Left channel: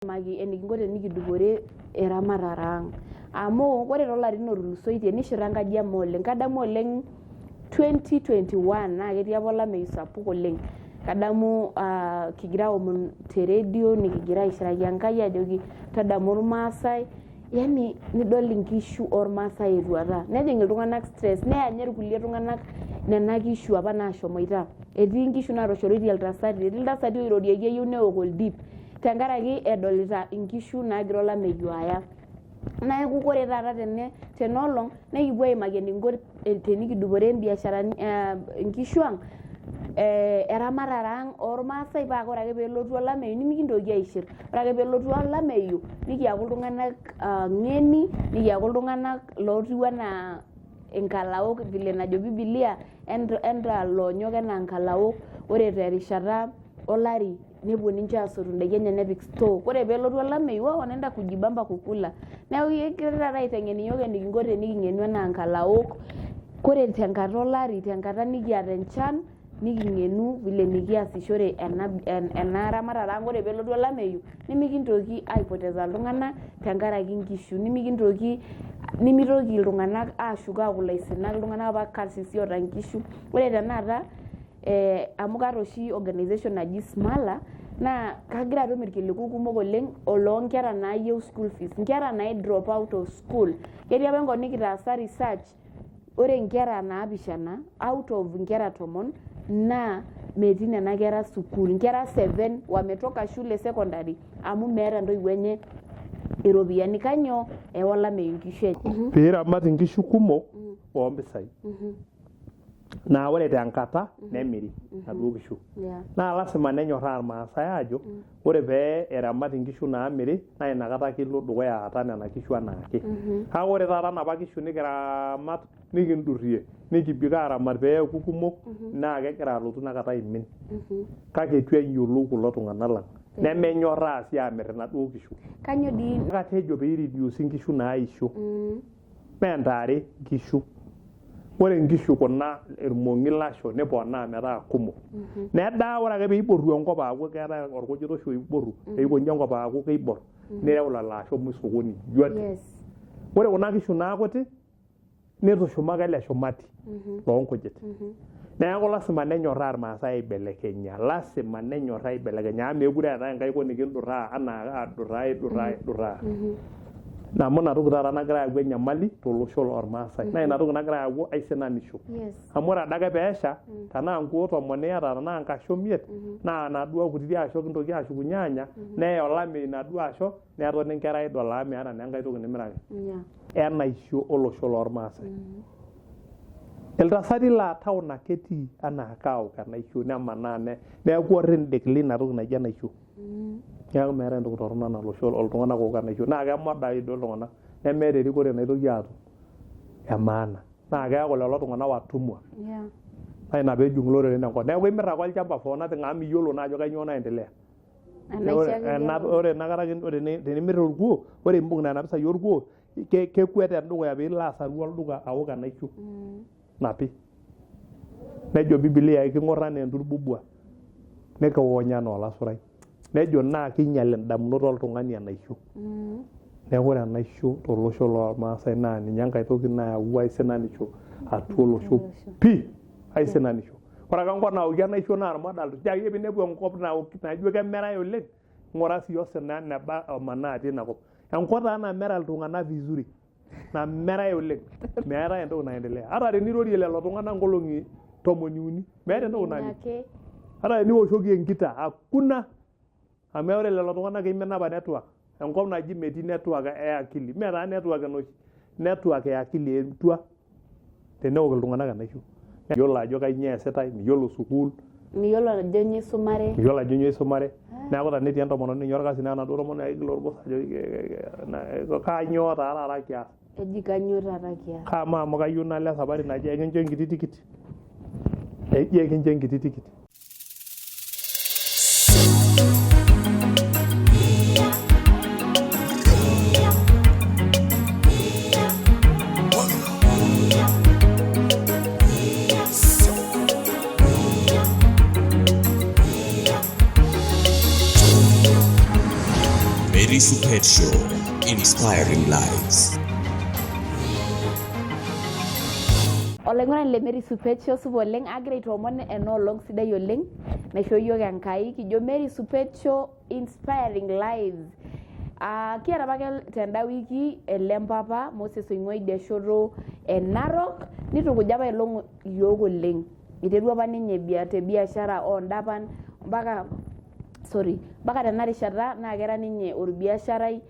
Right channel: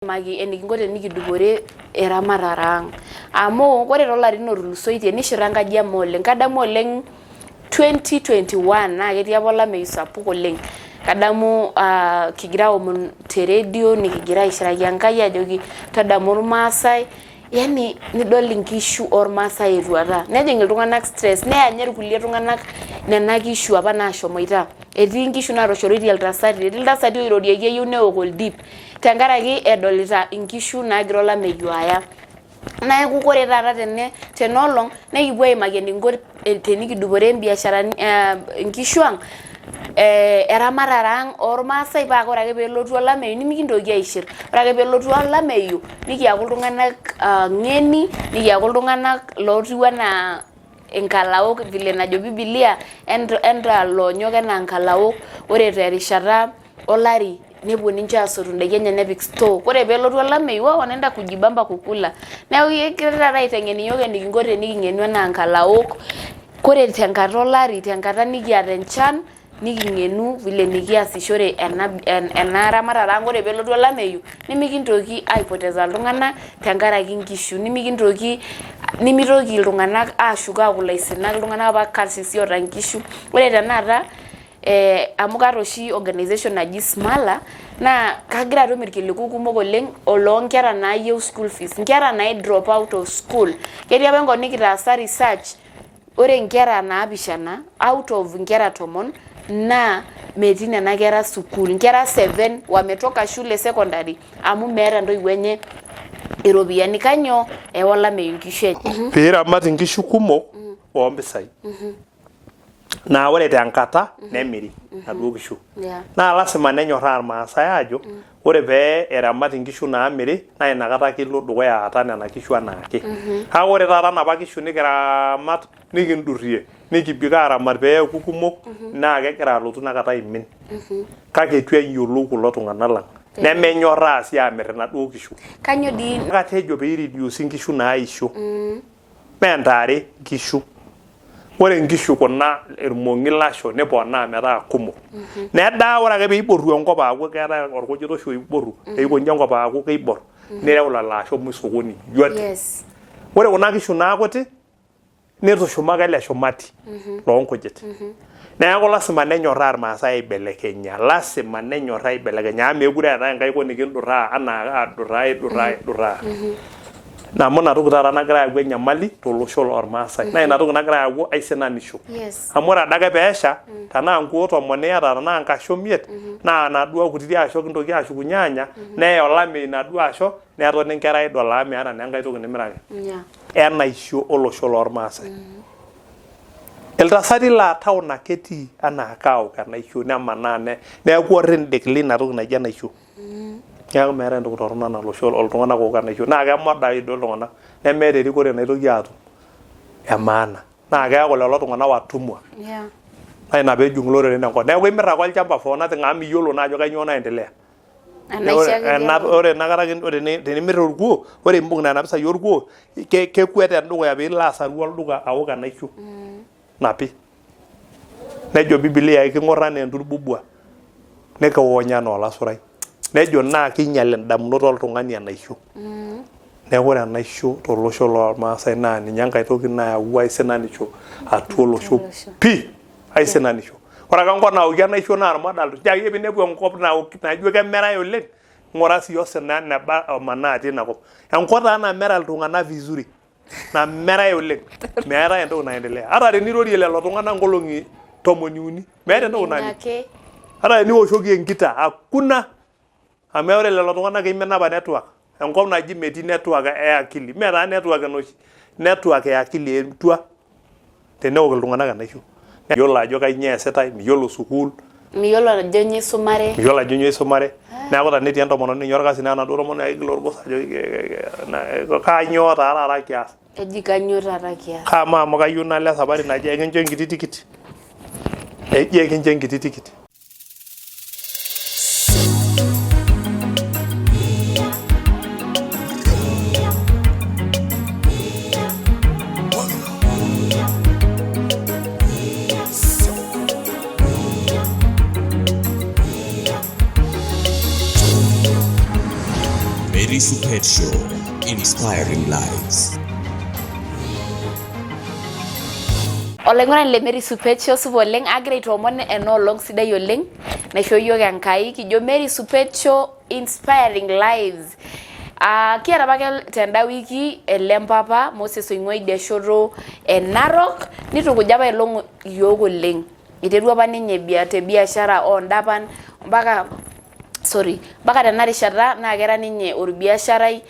Magi enikingo tenikidupore eramatare ang. Amu ore toolarin otulusoitie nishira enkaji ama oleng. Kadamu oleng 2021 naa ketii apa olameyu sapuk oleng. Kadamu kigira aomon te radio nikigira aishiraki Enkai ajoki tadamu irmaasai. Yani nidol inkishu ormaasai etuata. Nejing iltung'anak stress, neanye irkulie tung'anak nena kishu apa naashomoita. Etii inkishu natoshoraitie iltasati, etii iltasati oirorieki eyieu neok oldip. Tenkaraki edolita inkishu naagira olameyu aya. Neeku ore taata tenolong nekipuo aimaki enikingo tenikidupore biasharani inkishu ang. Eramatare ang ormaasai paa ore ake peelotu olameyu nemikintoki aishir. Ore ake peelotu olameyu nikiaku iltung'anak ng'eni, nikiaku iltung'anak lootiu enaa inkalaok vile najo Biblia enta loonyok enaa inkalaok. Ore terishata olari nepuo ninche aasotu indaiki enye nepik store. Ore peelotu olameyu wanaenda kujibamba kukula. Neeku kegira taata aiteng'en iyiok enikingo teniking'enu enaa inkalaok. Ore tenkata olari, tenkata nikiata enchan niking'enu vile nikiasishore ena ramatare ang. Ore peelotu olameyu nemikintoki aipoteza iltung'anak tenkaraki inkishu. Nimitoki iltung'anak aashuko aaku ilaisinak iltung'anak apa karsisi oota inkishu. Ore tenakata amu kaata oshi organization naji Smala naa kagira atum irkiliku kumok oleng oloonkera naayieu school fees, nkera nai drop out of school. Ketii apa enkop nikitaasa research, ore nkera naapishana out of nkera 10 naa metii nena kera sukuul. Nkera 7 wametoka shule secondary amu meeta intoiwuo enye iropiyiani. Kanyoo ewa olameyu inkishu enye. Piiramat inkishu kumok oompisai. Naa ore tenkata nemiri naduo kishu. Naa lasima nenyorraa irmaasai aajo ore pee eramat inkishu naamiri naa inakata kilo dukuya aata nena kishu anaake. Kake ore taata napa kishu nikiramat nikindurrie nikibik aaramat peeku kumok naa kegira alotu inakata aimin. Kake etu eyiolou kulo tung'anak lang. Nemenyorraa sii aamirr inaduo kishu. Kanyoo dii Katejo pee ireduce inkishu naaisho. Mee ntare nkishu. Ore inkishu kuna irmong'i lasho neponaa metaa kumok. Nedaa ore ake peiboru enkop aaku keetai orkujita oshi oiboru, eikonyi enkop aaku keibor, nireu lelo asho sokoni juati. Ore kuna kishu naakuti nitushumaka ele shumati loonkujit. Neeku lasima nenyorraa irmaasai aibelekenya, lasima nenyorraa aibelekenya amu meekure eetai enkae kop nikindurraa anaa aidurraa. Namu ina toki taata nagira ayau enyamali tolosho lormaasai. Naa ina toki nagira ayau aisinanisho. Amu ore adake peesha tenaa nkuo 10 iyata tenaa nkasho 5 naa naduo kutiti asho kintoki ashukunye aanya neya olameyu naduo asho netoni nkera idol amu meeta naa enkae toki nimiraki. Enaisho olosho lormaasai. Iltasati laa town ake etii anaa kaok enaisho nemanaa neeku orrindik lina toki naji enaisho. Neeku meeta entoki torrono nalosho oltung'anak ook enaisho. Naa kemoda idol iltung'anak nemeeta erikore naitoki aatum emaana. Naa keeku lelo tung'anak watumwa. Naa ina peejung iloreren enkop. Neeku imirr ake olchamba for nothing amu miyiolo naa ajo kanyioo naendelea. Ore inakata tenimirr orkuo, ore imbung nena pisai orkuo kekwet endukuya piilo asaru olduka aok enaisho napi. Nejo Biblia king'orr enaa enturbubua nikiwonya enaa olasurai. Nejo naa kinyal indamunot oltung'ani enaisho. Neeku ore enaisho tolosho lormaasai naa ninye enkae toki nayau aisinanisho atua olosho pii aisinanisho. Ore ake enkop naoki enaisho naa irmodal. Tiaki piinepu enkop naijo kemerai oleng, ng'ura sii osina neba omanaa atii ina kop. Enkop taa namera iltung'anak vizuri. Namerai oleng. Meetai entoki naendelea. Ata tenirorie lelo tung'anak nkolong'i 30 meeta entoki naning. Ata teniwoshoki enkita hakuna. Amu ore lelo tung'anak imin apa network. Enkop naji metii network akili. Mee taa network enoshi. Network akili etua teneok iltung'anak enaisho. Miyiolo ajo kanyioo eesitai, miyiolo sukuul. Miyiolo ajo nyoo isumare. Miyiolo ajo nyoo isumare. Neeku tenetii entomononi ninye orkasi naa enaduo tomononi aigil orgos ajo kanyioo taa taata kias. Eji kanyioo taata kias. Kamaa amu kayieu nalo esapari naji ekincho enkiti tikit. Eji ekincho enkiti tikit. Mary Supet Show, inspiring lives. Olaing'urani le Mary Supet Show supa oleng agira aitoomon enoolong sidai oleng naisho yiok Enkai kijo Mary Supet Show inspiring lives. Kiata apake tenda wiki ele mpapa Moses oing'ua idia shoto Narok nitukuja apa elong yiok oleng. Iterua apa ninye te biashara oondapan mpaka tena rishata naa kera ninye orbiasharai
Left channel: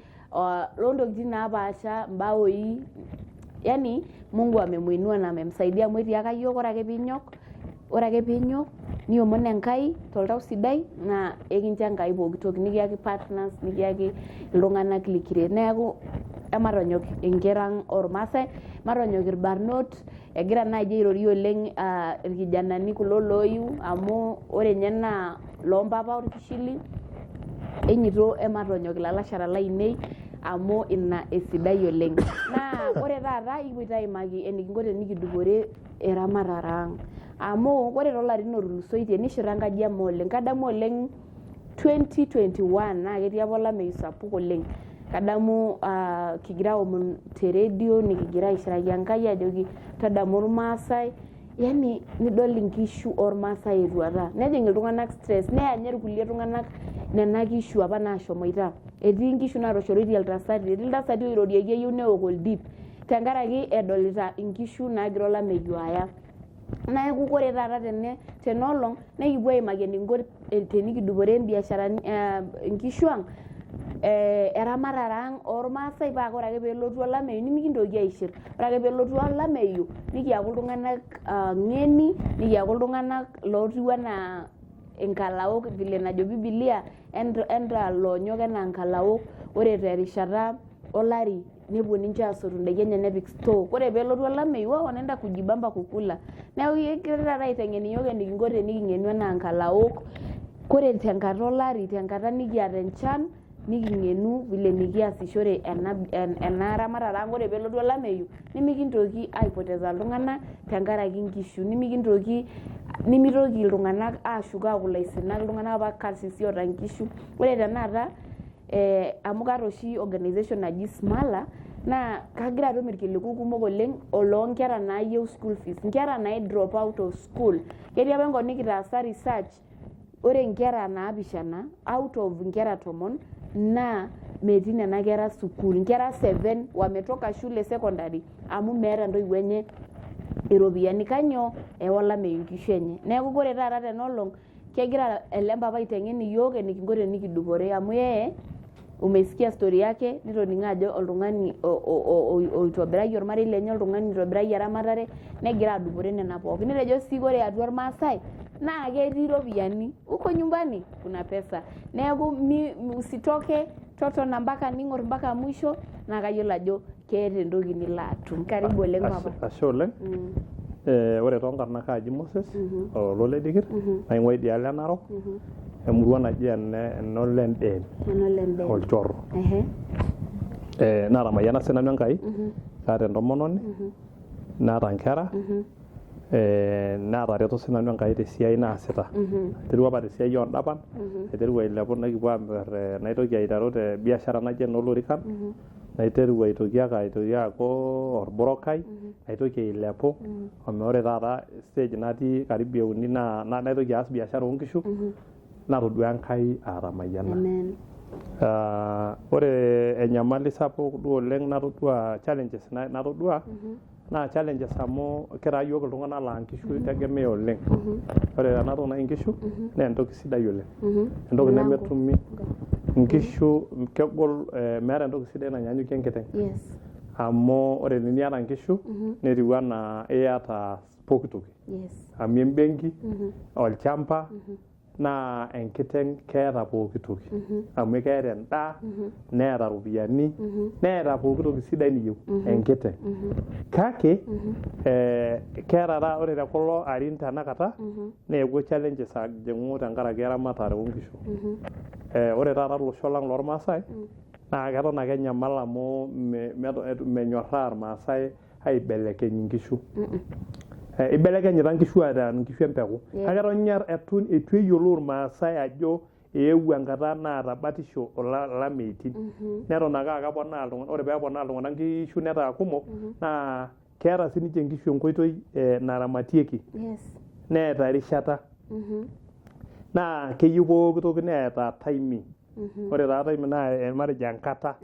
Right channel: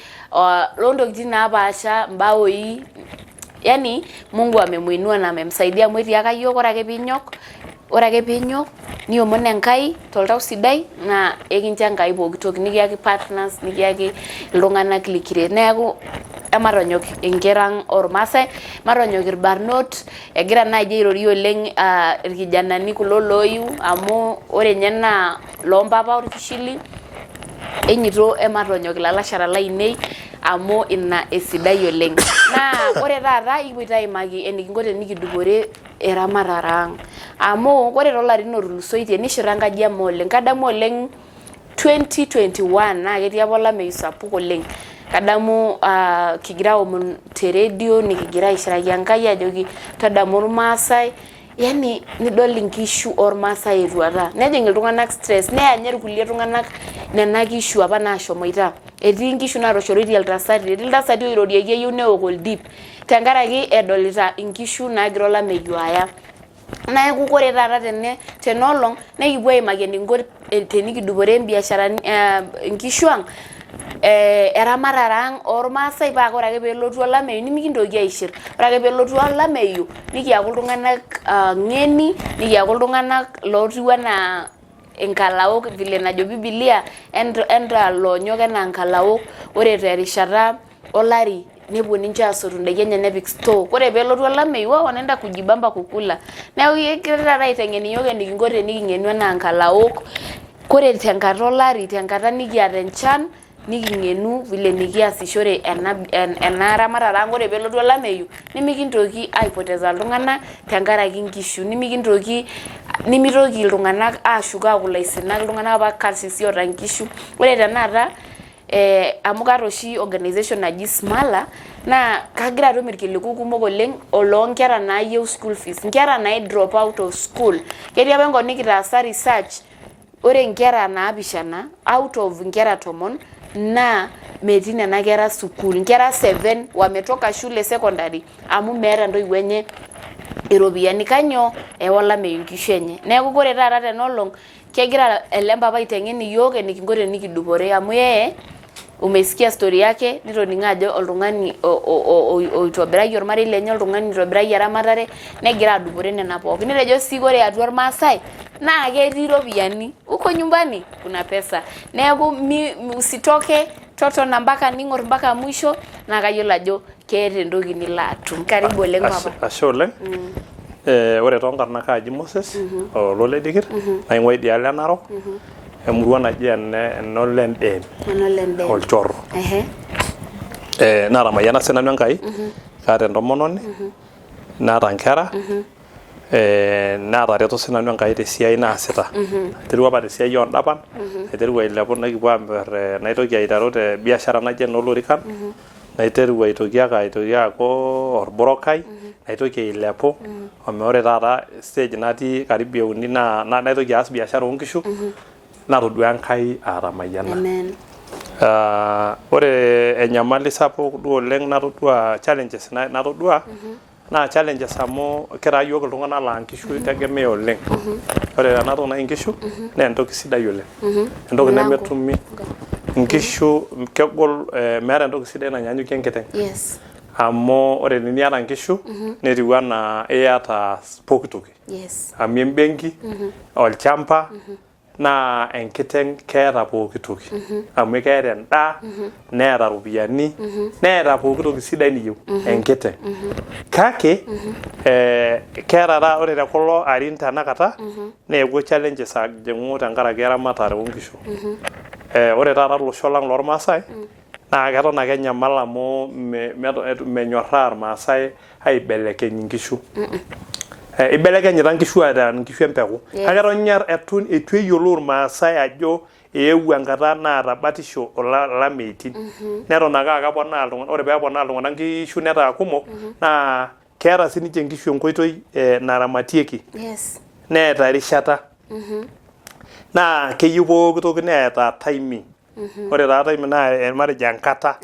loontokitin napaasha mbaoi. Yani Mungu amemuinua na amemsaidia amu etiaka yiok ore ake piinyok niomon Enkai toltau sidai na ekincho Enkai pooki toki nikiyaki partners nikiyaki iltung'anak likiret. Neeku ematonyok inkera ormaasai matonyok irbarnot egira naaji airorie oleng irkijanani kulo looyiu amu ore nye naa loompapa orkishili enyito ematonyok ilalashara lainei amu ina esidai oleng. Naa ore taata ikipoito aimaki enikinko tenikidupore eramatare ang amu ore toolarin otulusoitie nishira enkaji ama oleng. Kadamu oleng 2021 naa ketii apa olameyu sapuk oleng. Kadamu kigira aomon te radio nikigira aishiraki Enkai ajoki tadamu irmaasai yani nidol inkishu ormaasai etuata nejing iltung'anak stress neya nye irkulie tung'anak nena kishu apa naashomoita. Etii nkishu naatoshoraitie iltasati, etii iltasati oirorieki eyieu neok oldip tenkaraki edolita inkishu naagira olameyu aya. Neeku ore taata tenolong nekipuo aimaki enikinko tenikidupore biasharani inkishu ang eramatare ang ormaasai paa ore ake peelotu olameyu nimikintoki aishir. Ore ake peelotu olameyu nikiaku iltung'anak ng'eni nikiaku iltung'anak lootiu enaa inkalaok vile najo Biblia enta loonyok enaa nkalaok. Ore terishata olari nepuo ninche aasotu indaiki enye nepik store. Ore peelotu olameyu wanaenda kujibamba kukula. Neeku kegira taata aiteng'en iyiok enikinko teniking'enu enaa nkalaok. Ore tenkata olari tenkata nikiata enchan niking'enu vile nikiasishore ena ramatare ang. Ore peelotu olameyu nimikintoki aipoteza iltung'anak tenkaraki nkishu nimitoki iltung'anak aashuko aaku ilaisinak iltung'anak apa karsisi oota nkishu. Ore tenakata amu kaata oshi organization naji Smala naa kagira atum irkiliku kumok oleng oloonkera naayieu school fees, nkera nai drop out of school. Ketii apa enkop nikitaasa research ore nkera naapishana out of nkera 10 naa metii nena kera sukuul. Nkera 7 wametoka shule secondary amu meeta ntoiwuo enye iropiyiani kanyoo olameyu nkishu enye. Neeku ore taata tenolong kegira ele mpapa aiteng'en iyiok enikinko tenikidupore amu umesikia story yake nitoning'o ajo oltung'ani oitobirayie ormarei lenye oltung'ani oitobirayie eramatare negira adupore nena pookin. Nitejo sii ore atua irmaasai naa ketii iropiyiani uko nyumbani kuna pesa. Neeku usitoke totona mpaka ning'or mpaka mwisho naa kayiolo ajo keeta entoki nilo atum. Karibu oleng papa. Ashe oleng. Ore toonkarna kaaji Moses Ololedikir naing'ua idialo e Narok emurua naji enolendem olchorro. Naatamayiana sinanu Enkai kaata entomononi naata nkera naatareto sinanu Enkai tesiai naasita. Aiterua apa tesiai oondapan aiterua ailepu nakipuo aamir naitoki aiteru te biashara naji enoolorikan naiterua aitoki aaku orburokai naitoki ailepu ore taata stage natii karibu euni naitoki aas biashara oonkishu natodua Enkai aatamayiana. Ore enyamali sapuk duo oleng natodua challenges natodua naa challenges amu kitaa yiok iltung'anak laa nkishu itegemea oleng. Ore ena toki naji nkishu naa entoki sidai oleng. Entoki nemetumi nkishu kegol meeta entoki sidai nanyanyukie enkiteng. Amu ore teniata nkishu netiu enaa iyata pooki toki. Amu embenki, olchamba naa enkiteng keeta pooki toki amu keeta endaa neeta ropiyiani neeta pooki toki sidai niyieu enkiteng. Kake keeta ore tekulo arin tenakata neewuo challenges ajing'u tenkaraki eramatare oonkishu. Ore taata olosho lang lormaasai naa keton ake enyamal amu menyorraa irmaasai aibelekeny nkishu. Ibelekenyita nkishu aataa nkishu empeku. Kake eton eitu eyiolou irmaasai ajo eewuo enkata naata batisho olameitin neton ake akaponaa iltung'anak ore peeponaa iltung'anak nkishu netaa kumok naa keeta sininche nkishu enkoitoi naramatieki neeta erishata naa keyieu pooki toki neeta timing ore taa timing naa matejo enkata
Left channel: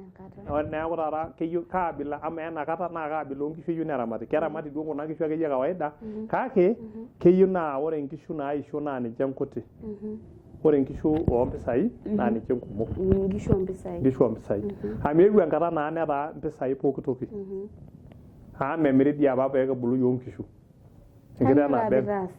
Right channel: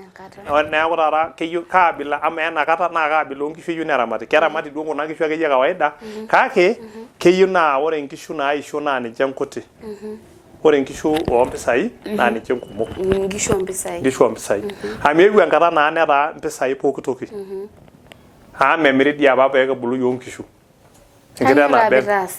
neeku taata keyieu kaabila ama enakata naa kaabila oonkishu eyieu neramati keramati duo kuna kishu akeyie kawaida kake keyieu naa ore nkishu naisho naa ninche nkuti ore nkishu oompisai naa ninche nkumok nkishu oompisai amu eewuo enkata naa netaa mpisai pooki toki memiri dii apa peekibulu yiok nkishu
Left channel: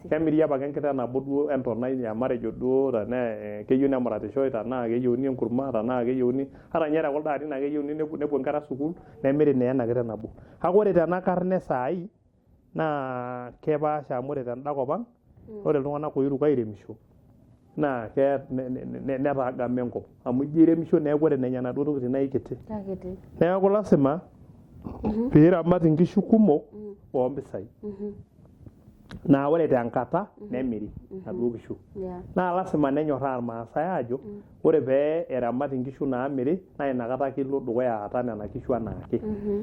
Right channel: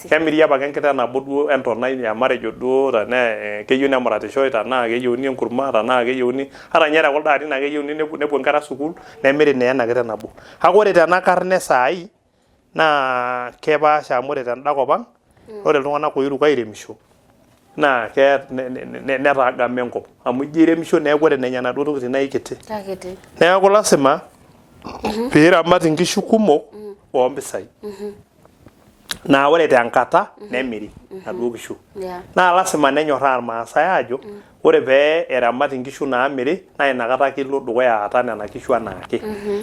kemiri apake enkiteng nabo duo entonai matejo duo tenaa keyieu nemuratishoi tenaa keyieuni enkurma tenaa keyieuni ata ninye tekuldo arin ake keyieuni nepuo nkera sukuul nemiri naa ena kiteng nabo kake ore tena karne saai naa kepaasha amu ore tenda kop ang ore iltung'anak oiruko airemisho naa netaagama enkop amu ijo iremisho neeku ore nenya naduo tokitin naa ikiti neeku lasima piiramat nkishu kumok oompisai naa ore tenkata nemiri naduo kishu naa lasima nenyorraa irmaasai aajo ore pee eramat nkishu naamiri naa inakata kilo dukuya aata nena kishu anaake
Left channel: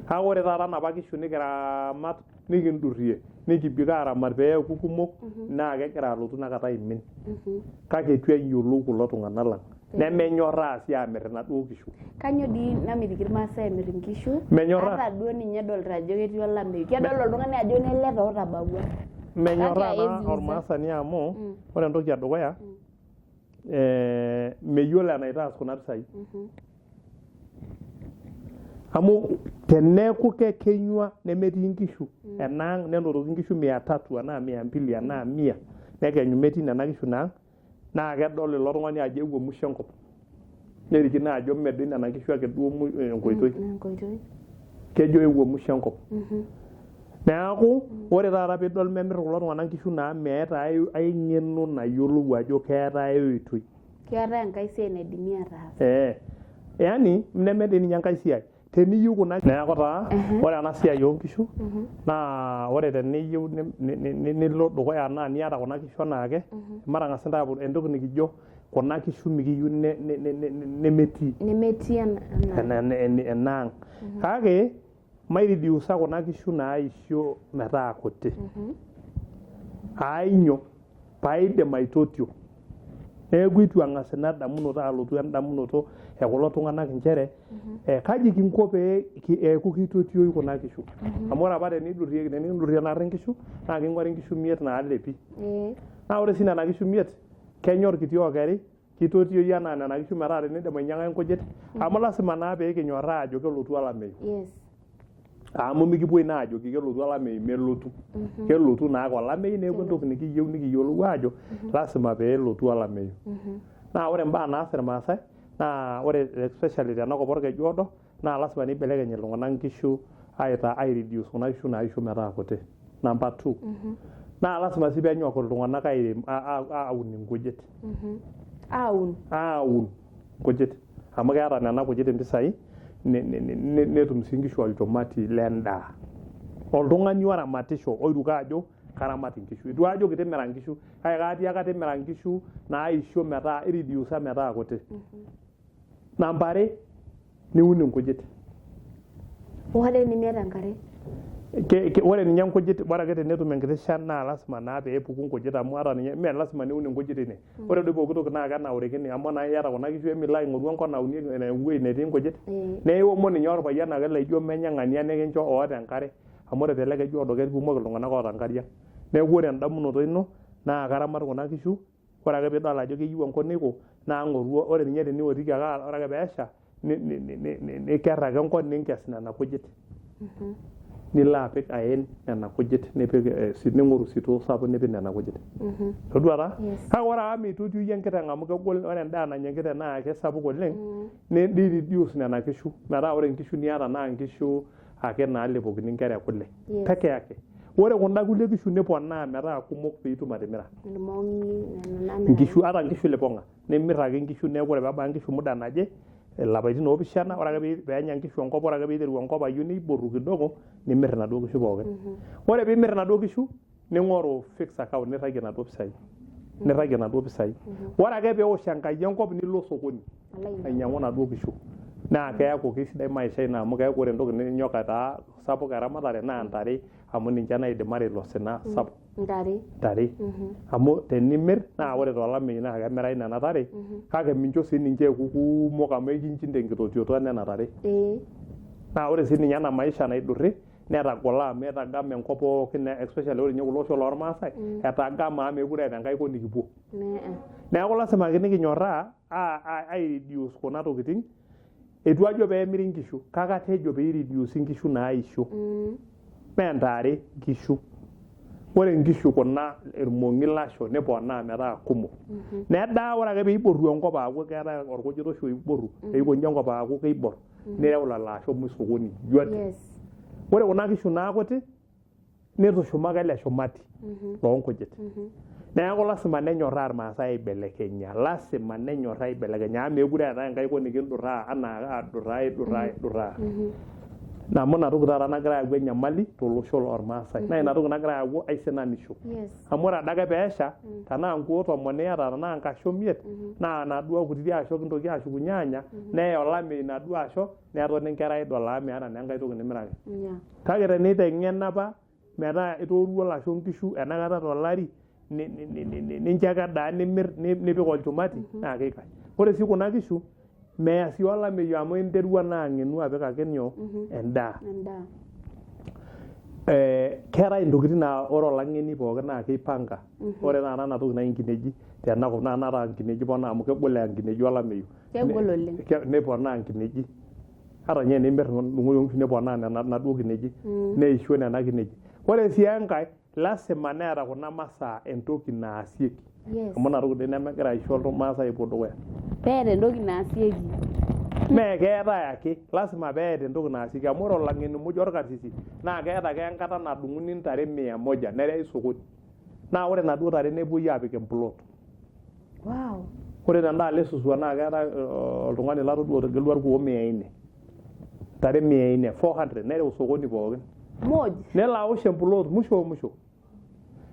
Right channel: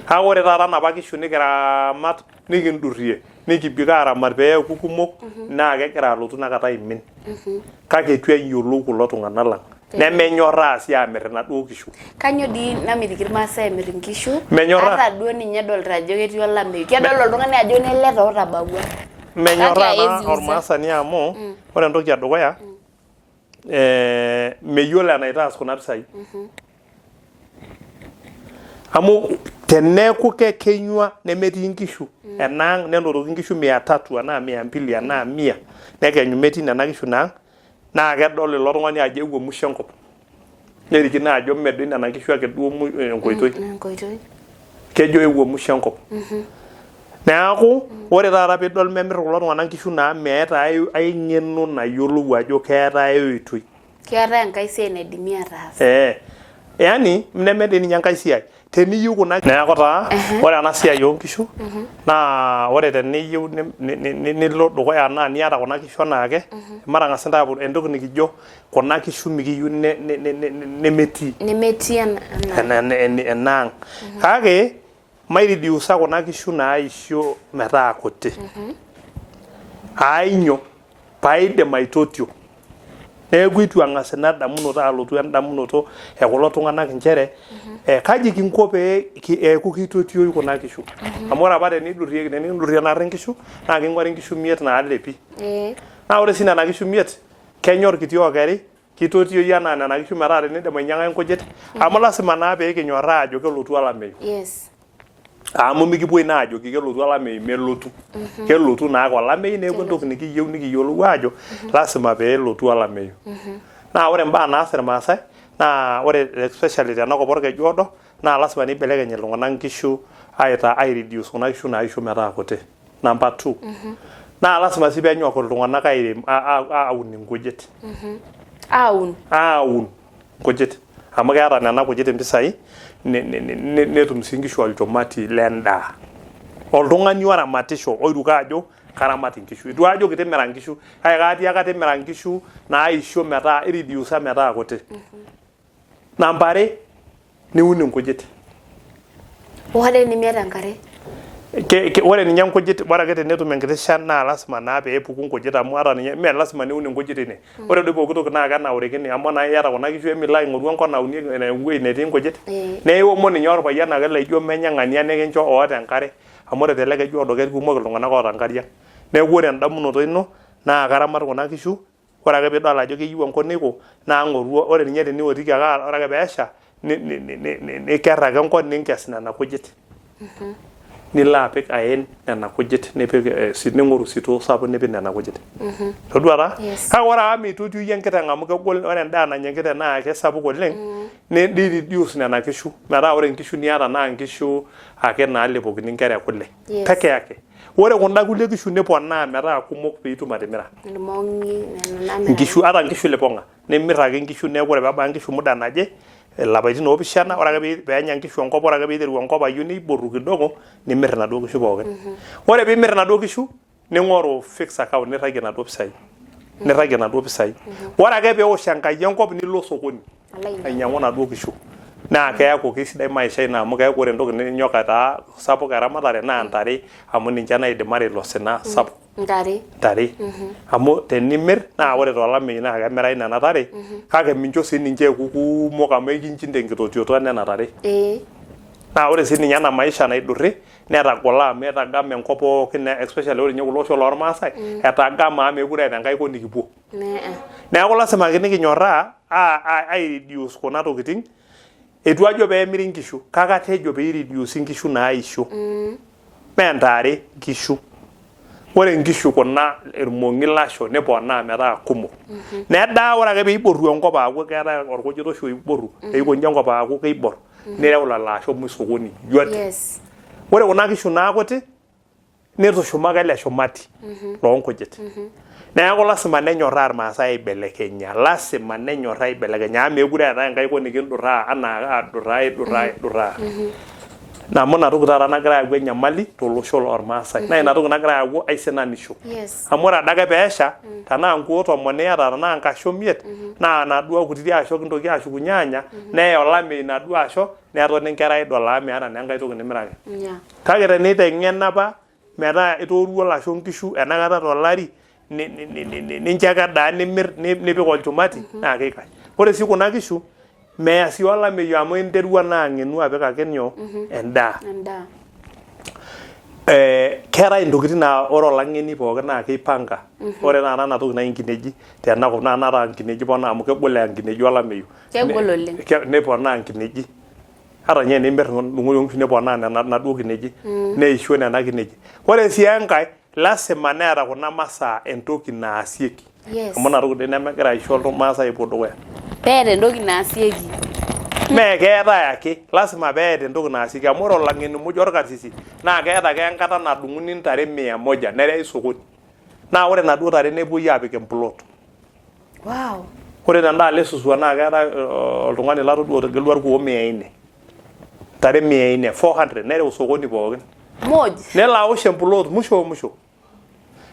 kake ore taata napa kishu nikiramat nikindurrie nikibik aaramat peeku kumok naa kegira alotu inakata aimin kake etu eyiolou kulo tung'anak lang nemenyorraa sii aamir inaduo kishu. Kanyo dii namitiki irmaasai emir nkishu ata duo ninye edolta ajo ketii olameyu kedol oltung'ani ajo nele tootabawua menyorraa naa ormaasani amu ore entoki edukuya meyiolo enaitaas kuna pisai amu teneeku kekenyua nemetii nkishu enaang nenotoki nkishu 300 enaa 200 enaa 100 nekenyu metii nena kishu naa kedol ilo tung'ani ajo ewuo musho enkop nerikino ajo medoi nena kishu ake duo enkoitoi kejo ewuo musho enkop neeku ore taata piidol memir kulo tung'anak nkishu naa meeta ai ng'eno nayiolou ajo keeta ai oitoi keeta enkai siai naidimi ataas yani nemetii ninye enkai siai teniyieu kuna neeku taa ore ena siai oonkishu naa ore teniyieu nilo dukuya naa niata kuna kishu anaake matang'as intae entoki nikijo kuna kishu mikiyieu nemetii enaang kake mairidiusa kuna kishu naisho metaa kuti ainyio paidim aitotio neeku itu ang'as ina damunoto alotu endamunoto ekulo tung'anak nchere kaji kinko pee eeku kitotio kuna kishu amu ore apa tenindurrie narri nkishu naa king'uari nkishu 5 naalepi naa ore sii nena kishu 5 kenya orkiti okeri kitotioi enaa nena kishu metaa tenidim ainyang'aki nkujit amu lasima naa pee kinyorraa ajo kelotu olameyu amu mikipuoi naa ajoki kelotu olameyu melotu kelotu naake olameyu neeku entoki nikiyieu nikiyiolou ajo lasima pee elotu olameyu naa ore mbaa naas irmaasai naa ore especially tenakop orkeju odo naa lasima nibelekeny iltung'anak nkishu ai reduce kuna kishu naisho metaa kuti number 2 naa lasima sii peenyok iltung'anak airem aun nkujit aun nkujit amu keeta nena kujit impisai netum sii nkishu olchumati lendaa oltung'ani oramatisho oiruko ajo karamat nkishu itu ajo kitimira nkishu kake kaatii ake timira nkishu naisho metaa iridiusa metaa kuti namba 2 niun nkujit ore nimiata enkare ore ninye nkujit bora ake tenetum enkiti shan naa lasima naa pee epuku nkujit amu ata ninye mee lasima niun nkujit ine ore doi pooki toki naa kenaurikini amu naa iyata kuna kishu emilo aing'oru enkop naunieki ewuei netii nkujit neewomon ninye orpayian ake laijo menya ng'ania nikincho oota enkare amu ore tele keju odo kekumok iltung'anak oota nkariak neeku ore endamunoto ino naa karamat kuna kishu ore ake piidol ajo keyieu enkop niko naa ng'oru ore ninye teniotiki ake ore ake peesha nikerr ake enkop ninkes nena kujit nilo apik aen nena kujit nipik ning'oru sitoo sapuk nipik nena kujit todua taa kake ore ake meitotio enkiteng amu kegol ore endaa nanya enkiteng naa kesapuk oleng ni reduce nena kishu metaa ore nkishu niata naa nkishu ake naalepokini nkera ekule peke yake ore kunda kulie kishu niponaa metaa kumok piitum atimira nkishu ata nkishu lipong'a nimirr ake nkishu neeku ore peebaya nkishu muda naje lapaitin 7 ore ake peenya nkishu enkop ore ake piiteru enkop ayieu niboru kidogo nimirr inaduo kishu pookin ore piimirr inaduo kishu ning'oru fixed account nirragie inaduo pisai niragie naduo pisai ore ake peewosh enkai enkop nilo sokoni ainyang'u naduo kishu naa keeku kesidai maisha ino amu keeku ore entoki ninyok aitaa sapuk eramatare naa ntare amu ninche naidimare ilo sina sapuk ntare amu tenimir naa ore tolameyu naa kemirai nena tare kake mincho sii ninche eku kumok amu ekinchinda enkitotioto nena tare naa ore sii ninye ena maisha naidurri netagolo amu etagama enkop pookin especially ore ninye kulo osho lormaasai etagama amu mekure eeta enkai kop nikipuo neeku lasima ake nikinyorraa ai reduce kuna tokiting etu ajo peemiri nkishu kake atejo pee reduce nkishu naisho mee ntare nkishu ore nkishu kuna irmong'i lasho neponaa metaa kumok nedaa ore ake peiboru enkop aaku keetai orkujita oshi oiboru eikonji enkop aaku keibor nireu lelo asho sokoni yote ore kuna kishu naakuti nitushumaka ele shumati loonkujit neeku lasima nenyorraa irmaasai aibelekenya amu mekure eetae enkai kop nikindurraa anaa aidurraa amu ina toki taata nagira ayau enyamali tolosho lormaasai naa ina toki nagira ayau aisinanisho amu ore adake peesha tenaa nkuo 10 iyata tenaa nkasho 5 naa naduo kutiti asho kintoki ashukunye anya neya olameyu naduo asho netoni nkera idol amu meeta naa enkai toki nimiraki kake teniteng'en apa metaa itooruo lasho nkishu enakata tolari nincho ake edaa nimir nipik olchumati naa keikash ore sii kuna kishu meya sii olameyu amu interua naa ang'enu apik ake nyoo endaa keetai intokitin naa ore olang'eni pookin naa keipanga ore taata ena toki naji nkineji tenakop naa naata nkineji ponaa amu kegol nkineji olameyu neponaa nkineji ata nye nimirr ndung'oki nkishu neponaa naduo kineji neisho nena kineji ore sii enkae lasima neeta kuna masaa entoki naasieki amu ina toki nemegira aisho ilmaasai epuo dukuya peeta entoki naasieki mee keetai ake lasima peeta entoki naasieki amu ore olang'eni muj orkarsisi naa keeta ake enkata nadung'uni ntare 100 nerei sokoni naa ore naduo tare nepuoi aapik emplot ore tendaalo esuswa naa keetai oltung'ani latodua otegelua irkuo 400 ntare 400 nereu sokoni pookin nelo awosh emplot musho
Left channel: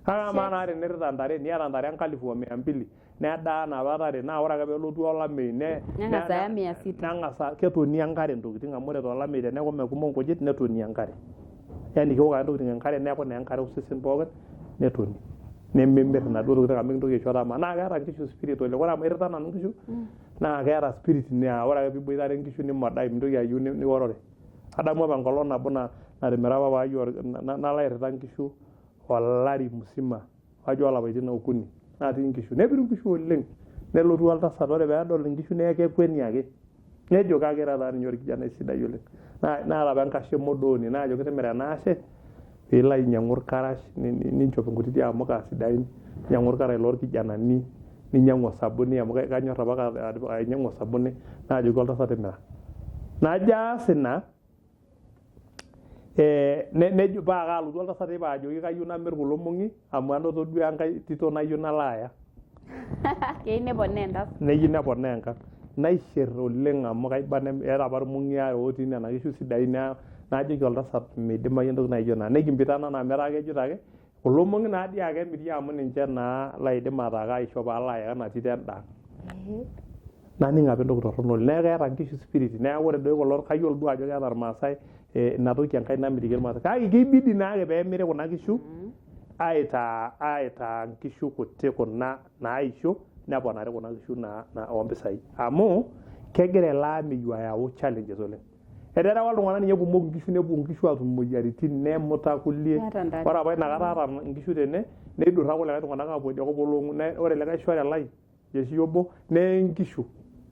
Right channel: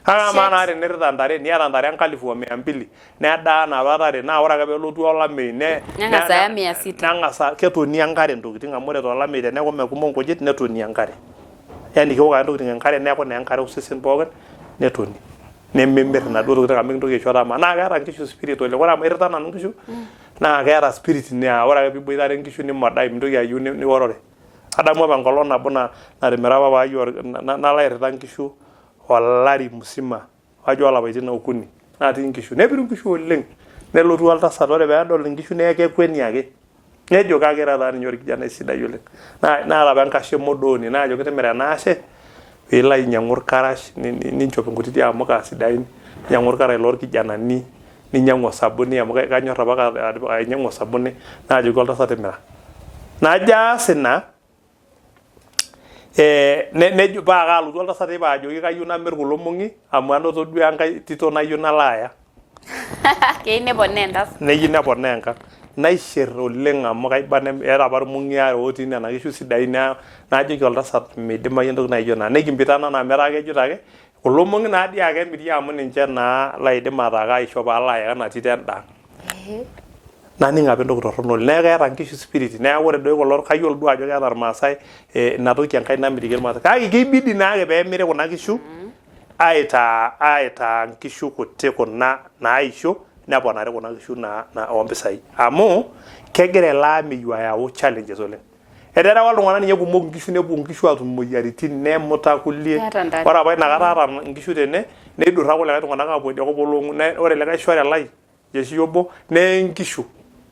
ama naa tenirita ntare niata ntare 1200 nedaa napa tare naa ore ake peelotu olameyu neng'asa 600 neng'asa ketoni enkare ntokiting amu ore tolameyu teneeku mekumok nkujit netoni enkare yani keok ake ntokiting enkare neeku naa enkare osesen pookin netoni nemimir naduo tokiting amu kintoki aisho tama naa keeta nkishu spirit oleng ore amu irita nanu nkishu naa keeta spirit naa ore ake piiboitare nkishu nimodai mintoki ayieu niworore adamu apa enkolong nabo natimira apa paai nalo airita nkishu olari musima ajo olapaitin 3 natii nkishu nepiru nkishu oleng nelotu oltasat ore peedol nkishu nee kekweni ake nejo kake taata ninye orkijanai sidai oleng naa apa enkashe modooni naajo kitimira ena ashe piilo ainyang'u irkarash ninchop nkutiti amuka sidain ninyang'u irkarash lorkijanani ninyang'u osabuni amu kanyorr apa ainyang'u osabuni naajoki oltasat timira najo aas ina nejo paa kaalotu oltasat teipa ajoki kayieu namirr kulo mong'i amu anoto duo enkai tito nayieu nalo aya keyieu neponaa entasat neyieu neponaa enkang naisherr oleng amu kaiba eeta apa irmong'i are otii nena kishu sidain naajoki oltasat meidimayu entoki naijo ina nikimpitana naa metaa kejito ake kulo mong'i naadii ake emiri amu ninche naa laidim ataa kaisho paalo aya ena tito endaa naning apa entoki torrono oleng neeku keeta nkishu spirit neeku ore doi kulo kayiolo duo ajo keeta irmaasai ina toki enkai namitiki irmaasai kake keibidi naake peemiri kuna kishu aitaa nkishu kuti kuna naisho neponari kuna kishu ompisai amu kegira ele ameyu ayau challenges oleng eterewa iltung'anak ninye kumok nkishu nepuo nkishu atum moyiaritin nemuta kulie ore apa inakata aata nkishu tene neidurra kulikae tung'anak aapuo idia kop olong'u ore likae shore lai jeshi obo nee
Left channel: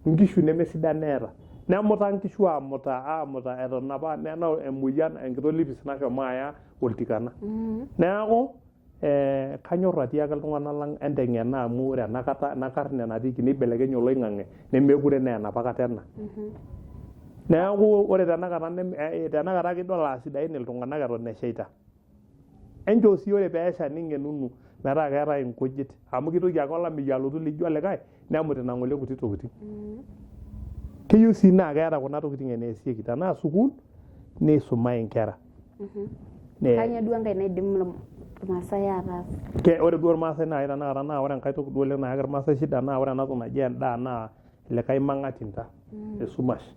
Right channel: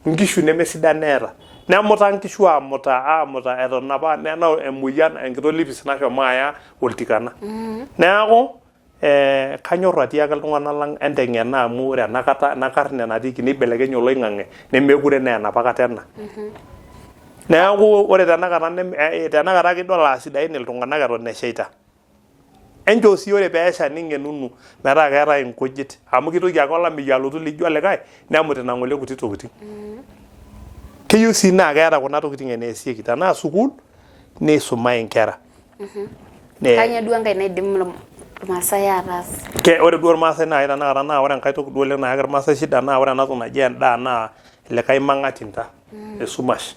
nkishu nemesidan neeta nemuta nkishu amuta eton apa nena emoyian enkito lipis nashomo aya oltikana neeku kanyorr atiaki iltung'anak lang enteng'ena amu ore ena karne natiiki neibelekenye oloing'ang'e nemekure naa enapa kata ena neeku ore tenakata kidol sidain iltung'anak eton eshaita enchoo sii ore peesha ning'enunu metaa keetai nkujit amu kitoki ake olameyu alotu lijo olikae nemut ina ng'ole kuti tokiting keyieu sii naa keeta kuna tokiting eneesieki tenaa sukuul neisumai nkera kanyio duo enkae naidim Irmaasai ataas. Ore duo irmaasai naa tanakata naa ore enkai toki duo oleng naa irmaasai shida naa ore ena toki naji endaa naa likae mang'atinta esumash.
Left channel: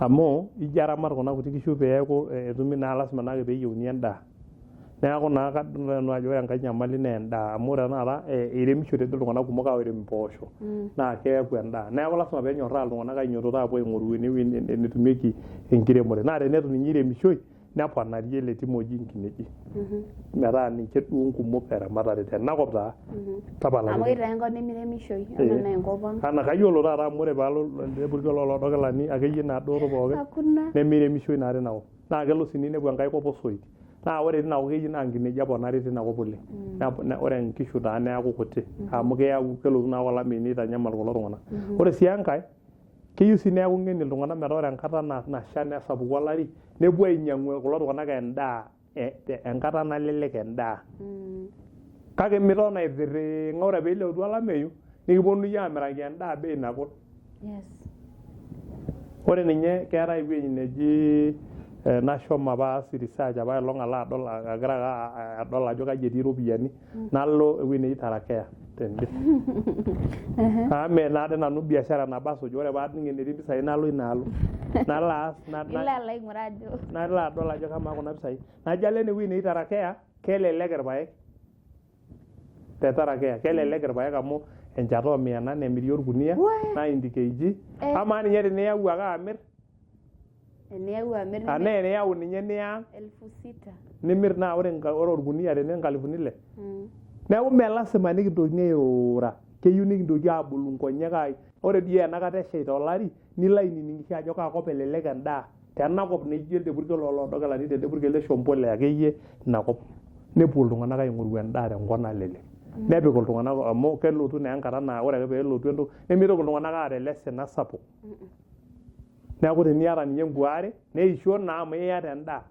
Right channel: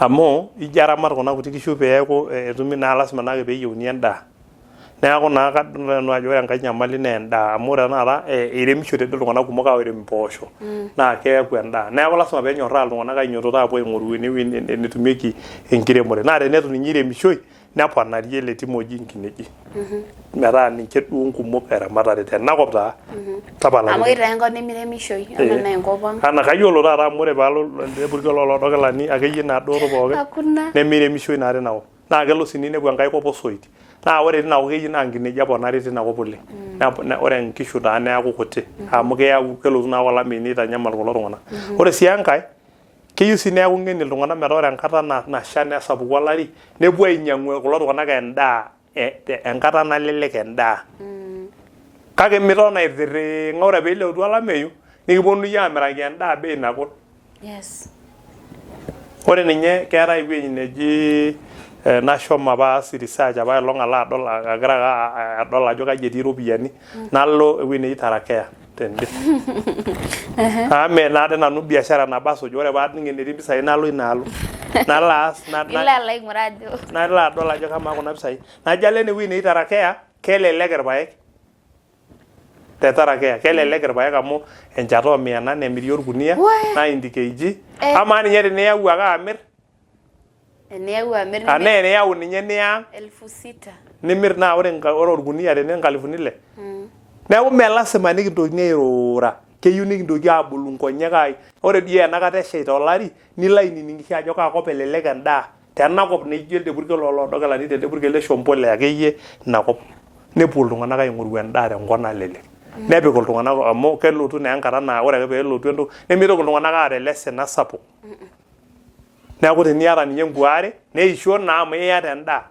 Amu ijo aramat kuna kuti kishu peeku etumi naa lasima naake peeyieuni endaa. Neeku naa kadol nanu ajo ore enkae nyamali naa endaa amu ore tanakata iremishote doi iltung'anak kumok airem impoosho naa keeku endaa. Neeku lasima peenyorraa iltung'anak ainyototo aapuo aing'oru enewueji netumieki enkiremore. Naa tenetu ninye iremishoi neponari ele tim oji inkineji. Metaa ninche duo nkumok eramatare tenakop taa. Tapala. Amu kitaa enkop nemiremishoi enaa naa enkop ang'. Ana kayiolo taata amu ore paalo lepurkel olodokilani akeyie naaduo pookin. Hakuna. Nemiremishoi naa tinakop. Naa kelo sii ninepu enkae kop osoit. Naa ore tinakop keyieu naa nkineji eponari tinakop oleng. Ore nkishu taa neeku kuti amu kelotu naa olameyu nitanyamal kulo tung'anak. Ore sii enkae keyieu sii neeku ng'eni iltung'anak metaa ore enkata nasha nesapuku olari nepuo ainyang'u kulo tung'anak endaa enkata nalelek endaa. Kake miton aitirring'a ore peelotu olameyu nikiponunui aamiraki endaa bei nagol. Yes. Ore ninye keetai ewueji neji nashomo apa aas research apa elong alo adol agira adol ajo kaji etii iropiyiani nalo ewueji neji Tarakea tende. Ame naade nanu biashara nabo asuj ore paaning enetii mpisai nalo inaalo. Nalo aas Ilo alo aing'uraa ajo. Nalo adol ajo kamaa kuna pisai. Najo alo ene wueji neji Tarakea kelelek irpaek. Te Tarakea kelelek irpaek amu enchata o100 emiri orkunia 90 kg. Amaa ninye teniyau ake amirr Eniyau amir eniyau ninye niya 6,000. Nimir naa ore orkunia tene 6,000. Neeku mee lasima nikintokini airura. Keyieu nikintoki aabulu nkonyek ai. Ore dii enakata eshaita olari nilo ainining'isho ajo kaakop elelek endaa tenakop naijo elde purkel olodokilani telde purkel le Shombole akeyie inakop. Nepuo iltung'anak aing'oru endaa tenkop nalelek. Nepik iltung'anak amu kelotu naa enkata naa ore ake peelotu entoki nemitoki iltung'anak aata elesina sapuk. Neeku teniata ninye nkuare neisho naa amu iyata endaa.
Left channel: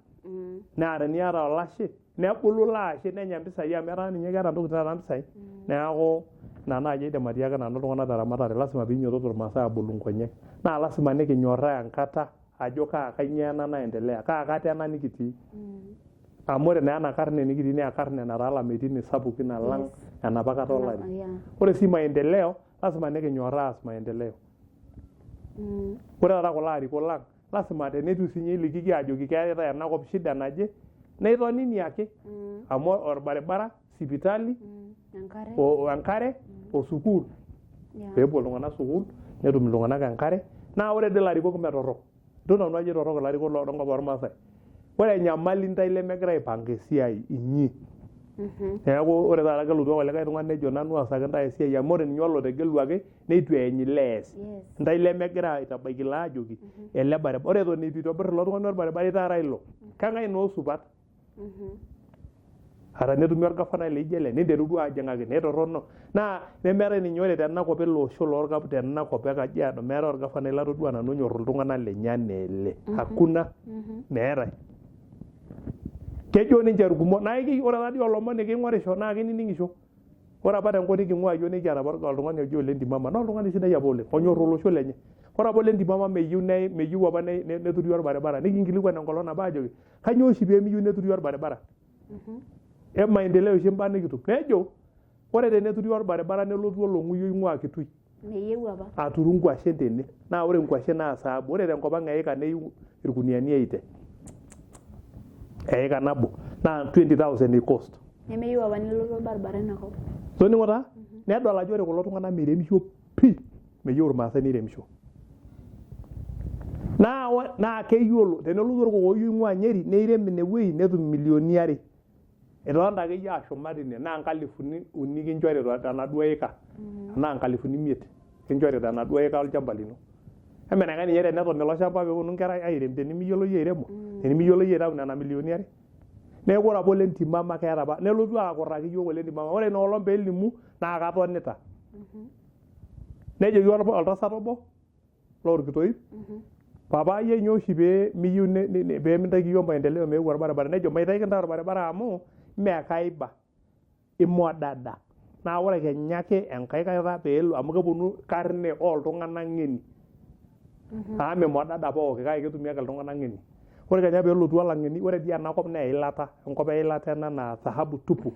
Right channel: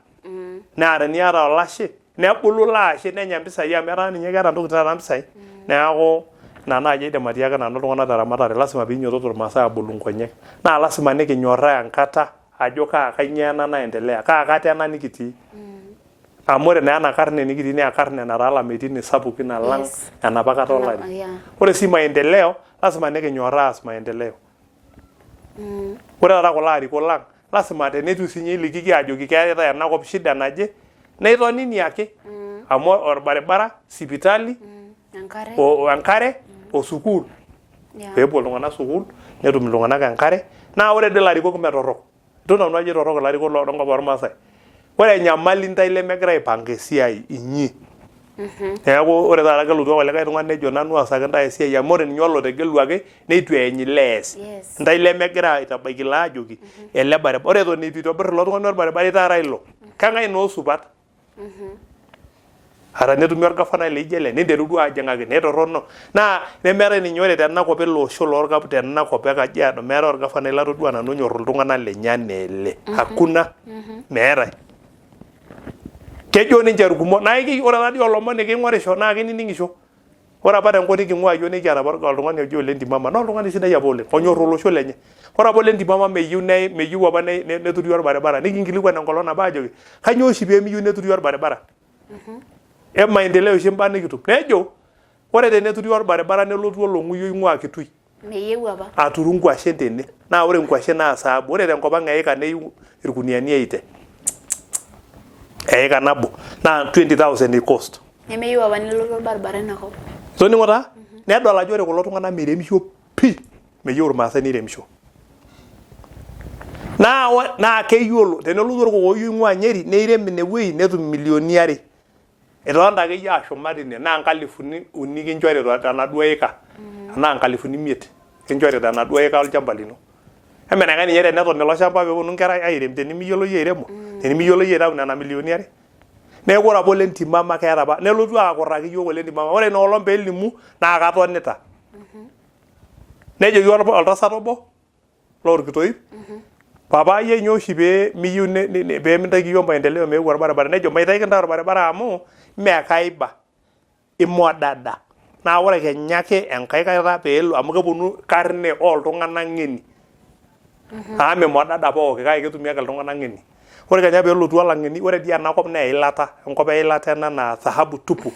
Naa teniata olashe nebulu ilo ashe nenya mpisai amu etaa ninye keeta ntokitin taata mpisai. Neeku ina naaji aidim atiaki nanu iltung'anak teramatare lasima piinyototo irmaasai aabolu nkonyek. Naa lasima nikinyorraa enkata ajo kanyoo ena naendelea kaa kata ena nikitii. Amu ore naa ena karne nikitii naa karne nataa lameitin sapukin alang enapa kata olari. Ore sii maendeleo lasima nikinyorraa aas maendeleo. Ore taata kulo arikok lang lasima tenetu sinye ilikiki ajoki keetai enakop shida naje neitonini ake amu orbaribara, sipitali, enkare o sukuul. Peepuo iltung'anak sukuul netum iltung'anak enkare. Naa ore dii ilarikok mee torrok. Itu nanu ajo torrok ilarikok loonkop ormaasai. Ore enyamali ntai lemegira aipanga esiai inyi. Neeku ore taata kelotu olikae tung'ani nejo nanu aasaki ntae esiai amu ore ninye olotegeluaki neitu eeny ilees. Ntai lemegira aitabaiki ilo aajoki ele baribara. Ore eton eitu itobirr ilo tung'ani orbaribara itaara ilo. Keng'ae naa osupat? Ata netumi orgavanai laijo ele ninteru duo ajing'aki netorrono. Naa nemeetai ninye ore tenakop ele osho loorkap tenakop e Kajiado meetai orgavanai latodua nanu onyorr iltung'anak lenye enaa ele. Hakuna. Meetai. Kejo ninche irkumok naa ore taadii olomoni king'orisho naa kinining'isho. Ore apa tenkop niking'ua iyiok nikiata apa oltung'ani oji Ole Ntimama naa oltung'ani sidai apa oleng onyorr olosho lenye. Ore apa Ole Ntimama meyieu apa neturi orbaribara nikinkilikuan enkolong nabo aajoki kanyoo oshi peemiyieu neturi orbaribara? Maendeleo oshi mbaa nikitum. Nejo ore teneturi orbaribara nelotu olong'uyo oing'ua Kitui. Meyieu apa. Aturu nkwashen tene. Naa ore nkwashen naa saabu. Ore tenkop ang eika neyieu irkuniani 80. Eika nabo naa 20,000 i-cost. Nemeyieu apa nelotu orbaribara inakop. Toning'o taa? Nedol ajo ore kulo tung'anak miremisho pii. Meyieu irmaasai niremisho. Naa keyiolo tenelotu orkokoyoi oing'ua Nyeri neirem inewueji netum milioni 2. Etonta akeyie ashuma tine naa 3,000 kinchori tenaduo eika. Enaa 5,000 kinchori tenaduo eika olchamba lino. Emenakae ninye teneton ilo shamba peeponu nkera airem tenimiyiolo yie airemo. Tenimiyiolo yie aitau nena milioni 2. Neeku ore apa Ole Ntimama keeta apa nelotu akurraki yiok Ole Ntimama. Ore ina olong peelimu naa katonita. Nejoki oltasat obo loorkitoip. Papai nyoo oshi pee miyieu pee mintaiki yiok maendeleo meeu orbaribara. Nejo maitaiki ntae orbaribara amu mee kaiba. Imodada. Naa ore kenya ake enkae kata peelo amu keponu karne oltung'anak ng'eni. Amu imodada pooki kake ketumi ake iltung'anak ng'eni. ore kenya peelotu olang'eni ore dii enakop naa eilata enkop eilata ena naa dhahabu tupu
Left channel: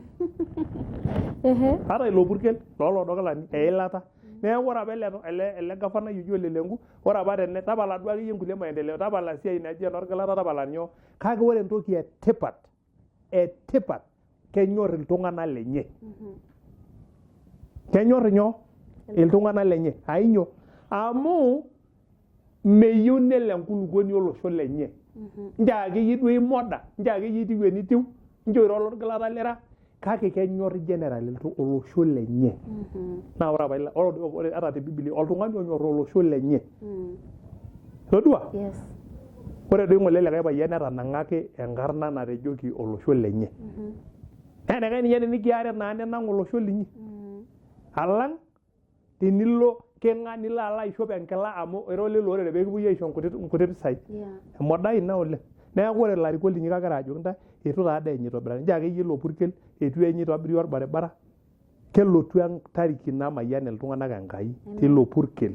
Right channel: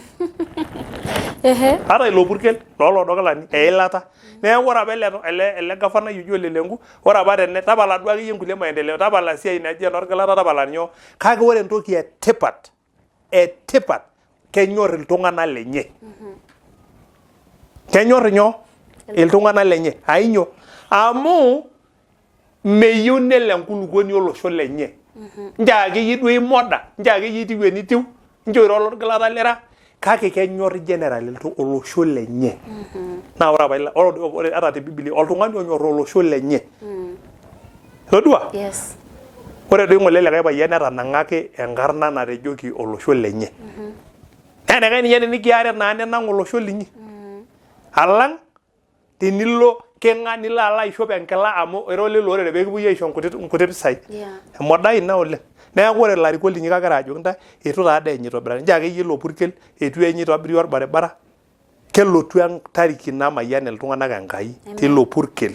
ata ilo purkel loolodokilani eilata neeku ore apa ele gafanai oji Ole Lenku ore apa tapala duo akeyie nkulie maendeleo tapala siai naji enorgilata tapala nyoo kake ore entoki etipat kenyor iltung'anak lenye kenyor nyoo iltung'anak lenye ainyoo amu meyieu nelo enkulukuoni olosho lenye njaakeyie duo imoda njaakeyie itiu enitiu njoiro olorgilata lira kake kenyor general olosho lenye naa ore apa ore ata te Biblia oltung'ani onyor olosho lenye todua yes ore doi ng'ole likae payian netanang'aki enkarna natejoki olosho lenye enekae ninye tenikiare naa nenang' olosho linyi alang tenilo king'a nilo alo aishop enkila amu ira olelo orere pee kipuoi aisho nkuti pisai emodai ina oleng neeku ore ilarikok linyi kagira ajoki ntae eitu taa dee enye itobirari njo akeyie ilo purkel eitu enye itobiri orbaribara kelotu entariki namayian iltung'anak Enkai tilo purkel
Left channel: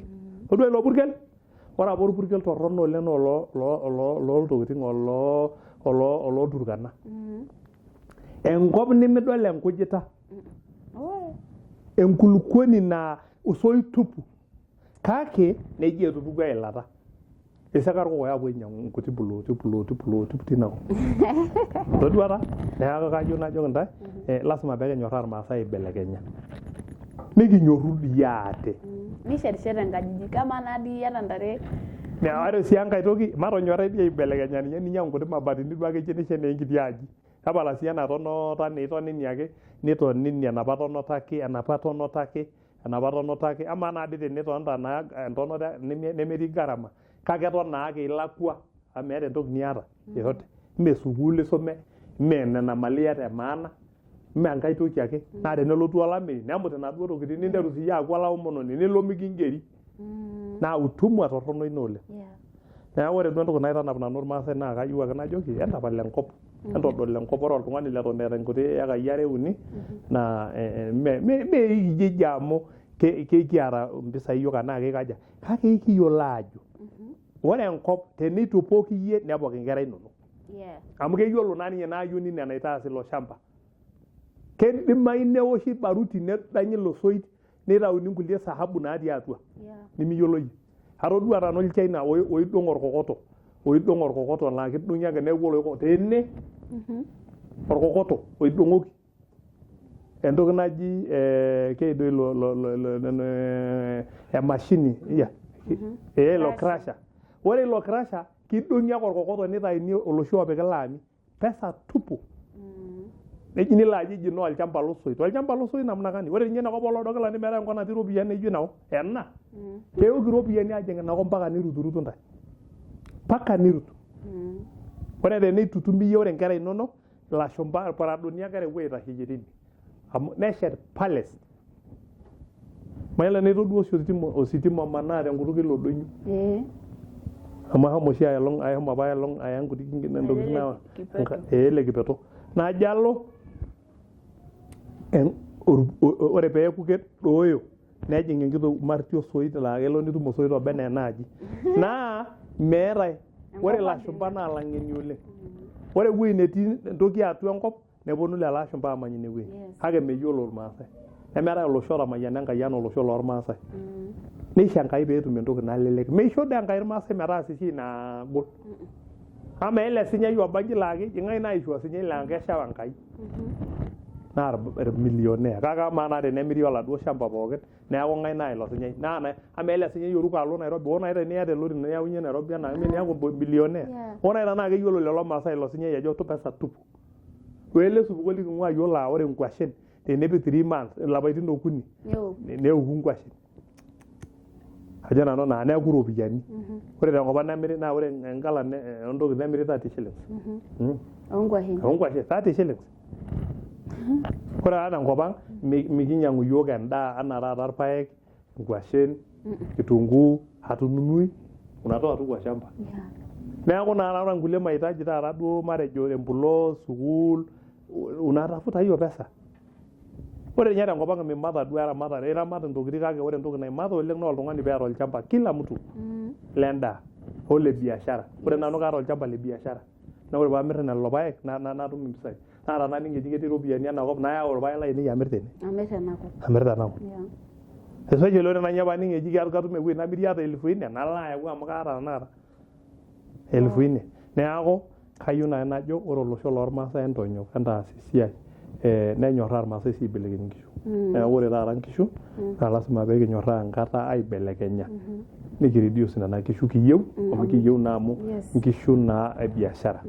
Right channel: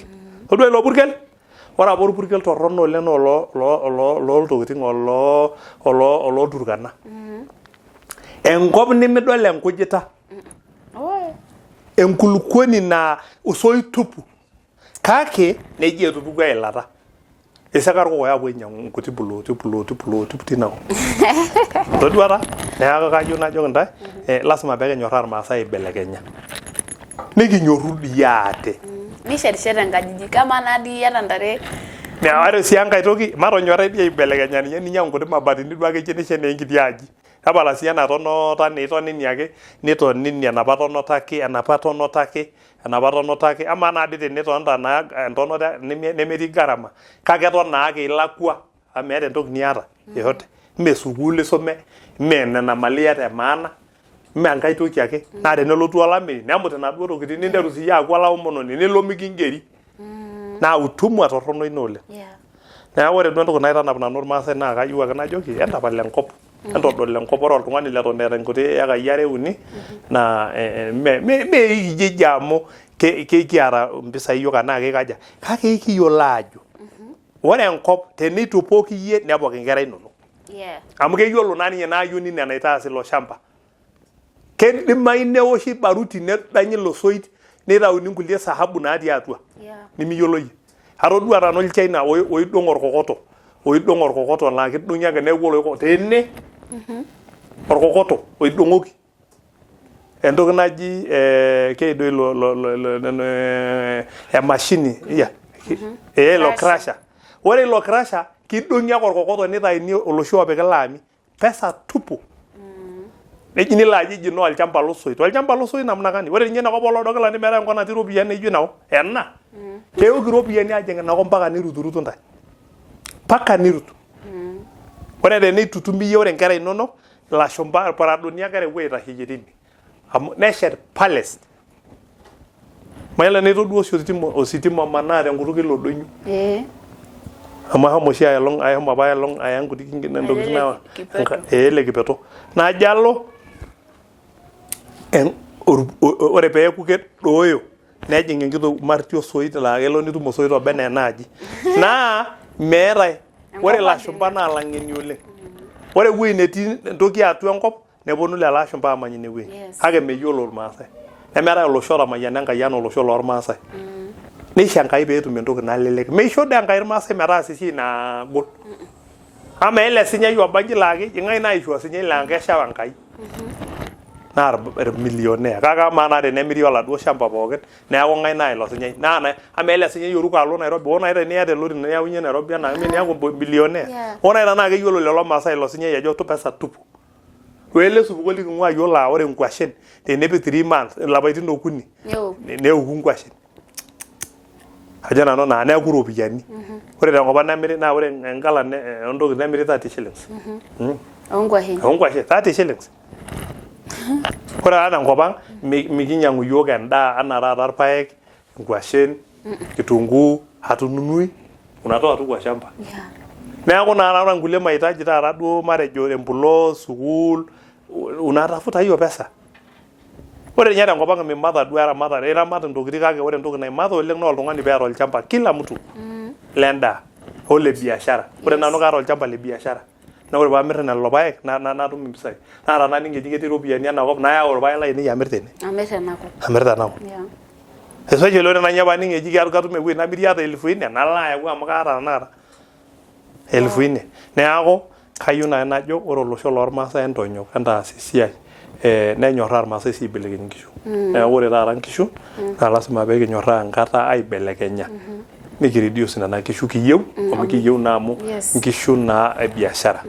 todua ilo purkel ore apa orpurkel torrono oleng looltokiting olooturkana enkop nimidol enkujita enkulukuoni naa osoit tupu kake nejia etupuku eilata isika irkokoyo apuo ainyang'u nkuti pulooti tinakop toduata neeku kajo najoki ntae lasima peekinyorraa irmaasai aibelekenya nikinyorru dii ate nishetisheti nkajijik kama nadii yata ntare ore sii enkae toki matonyorrai dii aibelekenya ninye ninyang'u nkuti mabatini duo akeyie nishet naa enkiti aji tapala sii ena tonota nitonini ake nitonini enapa tonota ake amaa naa dii tenitonita naa entonota nemetii gharama kake eton naake ilakua amu meeta entoki niata yoyote mee sukuul isome mee nena mali iyata emaana mee enkae toki ake naa tenelotu olameyu nemut inaduo tokitin ninteru siiyie aaku olaomononi nilo mikingeri naa utumwa torrono ina oleng neeku ore duo entoki naitanap nanu irmaasai naa kayieu ake najoki entapal enkop entodol enkop ore oltung'ani leton eeta nkuti ekai are uni naa mee ikijiji amu kiata mpisai yiok anaa kikaja kake ikiyiolo ajo ore enkop teneitu pooki yie nepok inkera inonok amu keyiolo naa ninye naayioni nena itaas ilo shamba kedimayu newoshi baruti nedanyi ilo soit neitauni nkulie sahabu natii atua nimiyiolo yie atodua tano olchaina oidong' orkokoto laa kidong'i ake neeku oloikokoto tene orkokoto oidong'oki entoki naji keido emashini ilo crusher ore ilo crusher kidong'i ake orkokoto nitaini oloshi opiki laami pesa tupu neji nilo aji no olchamba losoit namnakani ore ninye inakop olodokilani meeta enkop natii iropiyiani naijo inakop ena keoki iropiyiani ajing inakop mpaka niruturutu ntae mpaka nirutu ore teneitutum iyie ore nkera inonok ilashumba irparadoni ake epuo aitasheyie tine amu neshet palace mayiolo neitodua ositima manaa tenkutuk ilo doinyo amu ahomo oshi ahomo apa aya nkuti ntokitin ele kipeto najo alo ore peeku kedooyo nejing enkito marti osoit laa kelo nitum osoit oba enaa enaaji naa meetae ore ilashumba naa lang'eni oleng ore ewueji netii entoki atua enkop neponu lelo ashumba amany ine wueji kake meyiolo irmaasai nemeetae olosho otamayiana Enkai enaa olosho loormaasai neisho Enkai peetum entoki nalelek meisho dii Enkai irmaasai metaas esiai naagol ama ele sinyai obanji laa kejing'ai naisho osinyai laa kesha Enkai naa irmilionea kake amaa naa tenemiri oladuo shamba pookin neeku ng'ae naa ilo sinyai naa ama ele sinyai oruko alo Nairobi ore naita niata elori niyaunye Nairobi enaa niaku bilionea ore naita naa keyiolo lelo maasai ilo sinyai ajo pesa tupu wele supuko liking'ua yiolo aa ore nkwashen tenepik 3 months ilapaitin okuni neoku nkwashen ajo nanu naa neeku iropiyiani ore tenkop nemiri naa ore enkala entoki nemiri 30 shillings onkwashen 30 shillings ore taa tenkop ang mikinyang'u yiok endaa anaa taata irpaek nkwashen kitunguu hatununui unatoa tu kwa shamba neeku naa ore nkulie mahitaji taata duo matejo empulo sukuul unatafuta hiyo pesa ore ninye tenkop ang mimatha duo iramat intokitin kake ore entoki naimatha oleng naa oltung'ani peeta olchamba kila mtu lendaa ole biashara ore nanu kaata olchamba le biashara na ore paamir lelo paek natum impisai naa tanaa ningeji ketii iropiyiani enakop nayau irpaek lainei amir tene amir tenakop especially ore nanya paningeji katum ewueji namiri ata 4,000 nalo ayau amu kaata tanakata 4,000 neeku kayieu naaji najo ore olosho lormaasai entonyok entaas esiai nenyoraa irmaasai sii aibelekeny nkishu neeku ore taata nkishu naa lasima peekinyoraa enkata aibelekenya nikireduce nena kishu kiyieu amu kiyieu naa amu nkishu naa biashara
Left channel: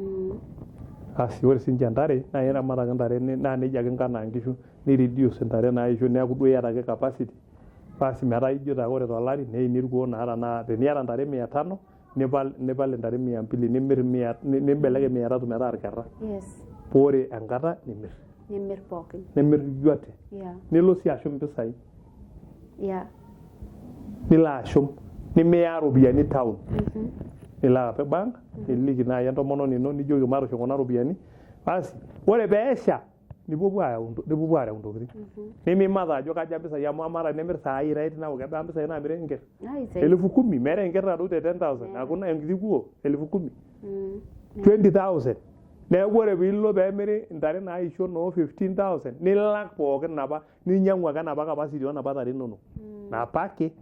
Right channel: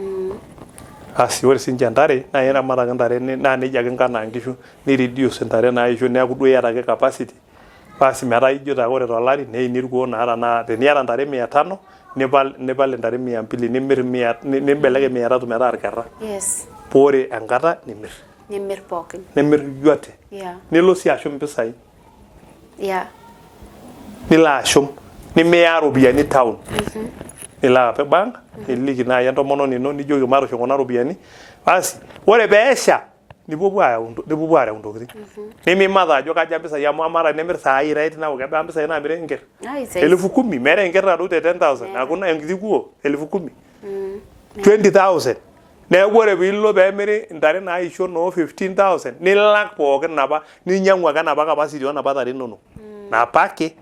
asi ore sinche ntare naa iramat ake ntare naa nejia ake nkanaa nkishu nireduce ntare naisho neeku duo iyata ake capacity basi metaa ijo taa ore tolari neini irkuo naa tanaa teniata ntare 500 nipal ntare 200 nimir 100 nimbelekeny 300 metaa irkerra pore enkata nimir pookin nimir yote nilo sii ashum mpisai nilo ashum nimiya ropiyiani town nilo apik bank niliki naaji entomononi ino nijoki matusho kuna ropiyiani basi ore peesha nipuopuo areu ntokitin nimimata ajo kaja mpisai amu amara nimir saai right now kebaa mpisai naamiri enker 10,000 meeta enker nado te 10,000 hakuna enkiti kuo 10,000 20,000 neeku ore piilo peemiri ntare naisho noo 15,000 nilak pookin napa ninyang'u ake napa capacity onapa tare inonok napake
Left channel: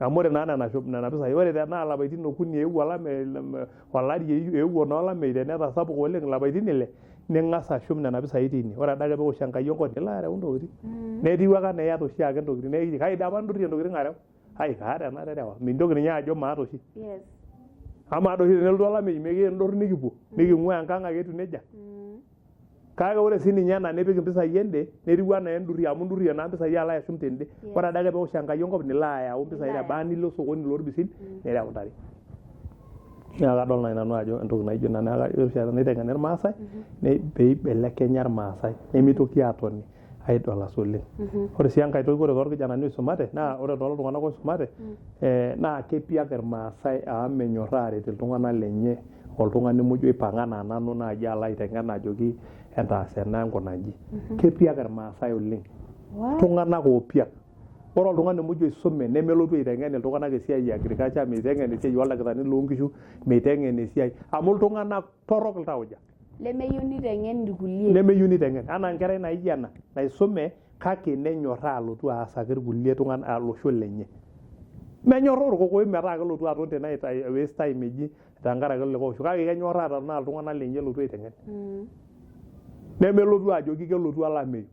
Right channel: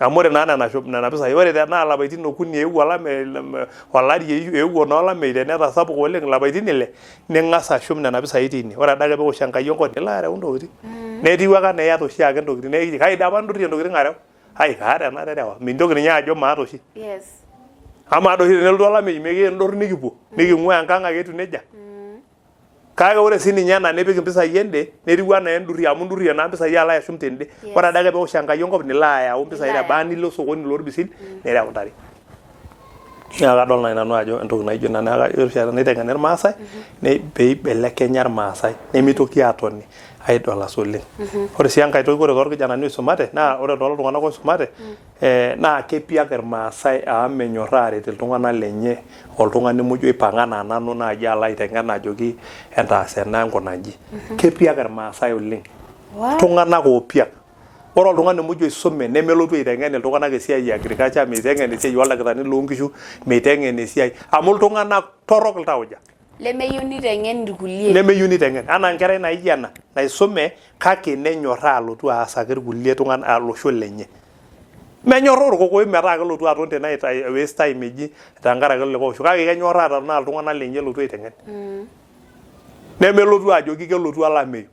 amu ore naa nena pisai ore tenaa lapaitin okuni eewuo olari eewuo noolamei tenetasapuka oleng lapaitin 6 ning'as ashum nena pisai tine ore adake peosh Enkai enkop nilo areu ntokitin netiu ake enaa iyata oshiake ntokitin nekiji kaida apa ndurie ntokitin areu kaata ena terewa mintoki ninye ajo maata oshi ama ado oshi tenelotu olamei mikindorr nikipuo niking'ua enkang ake etiu nejia kake ore sii ninye ena nipik impisai ende netiu enaa endurrie amu ndurrie naa mpisai alo ashum tende ore adake peosh Enkai enkop nilo ayau mpisai nebaa nilo sokoni lorbisil nireu ntare naa kadol naaji nanu ajo entoki naijo ina neeku erishata naiteng'eni irmaasai peibelekenya irmaasai nemitoki aatoni aidolas oleng ore sii enkae toki ore toorkijanani oisumate naa ore tooltung'anak oisumate naa kepiak irmaasai amu menyorraa aaret iltung'anak lenye oltung'ani muj oipang'a naa nanu naaji alo aiteng'en ajoki entaas ena nkunanji kepiak irmaasai oleng iltung'anak oopiak ore oltung'ani muj oisume nemelotu aiteng'en iltung'anak esiai e agriculture meiteng'en esiai oldakitarini loonkishu meiteng'en esiai amu iltung'anak torrok iltauja lemeyieu niteng'en irkulie nemeyieu niteng'en anaa enkerai naijio ena naisume kake nenyorraa alotu aasaki irkulie tung'anak olosho lenye menyorraa orkokoyoi metaa kelotu aton tene waste time eji tenkaraki likae osho kake kenyorraa tenaa iltung'anak lenye elotu aiteng'en nemelotu ajoki kelotu olameyu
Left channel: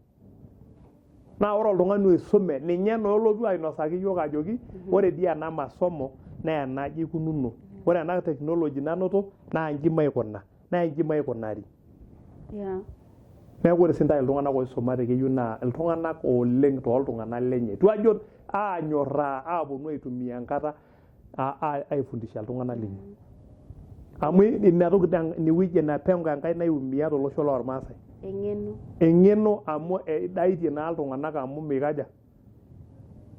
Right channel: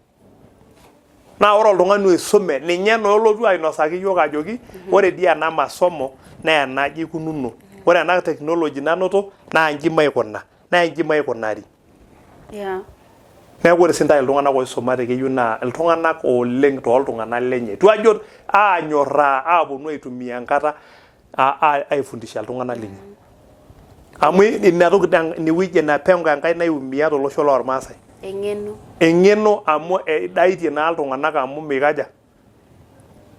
naa ore oltung'ani oisume ninye noolotu ainosaki yiok ajoki ore dii ena masomo naa enaji ikununo ore ena technology nanoto naa inji maikuna naa inji maikunari neeku ore sintae iltung'anak oisumate keyieu naa iltung'anak oleng tooltung'anak lenye itu ajo aanyorraa aaponu aitumia enkata aifundisha iltung'anak lenye amu ina toki inewueji napengo Enkai naiumia tolosho loormaasai eng'eno amu edaitie naa iltung'anak amu mikaja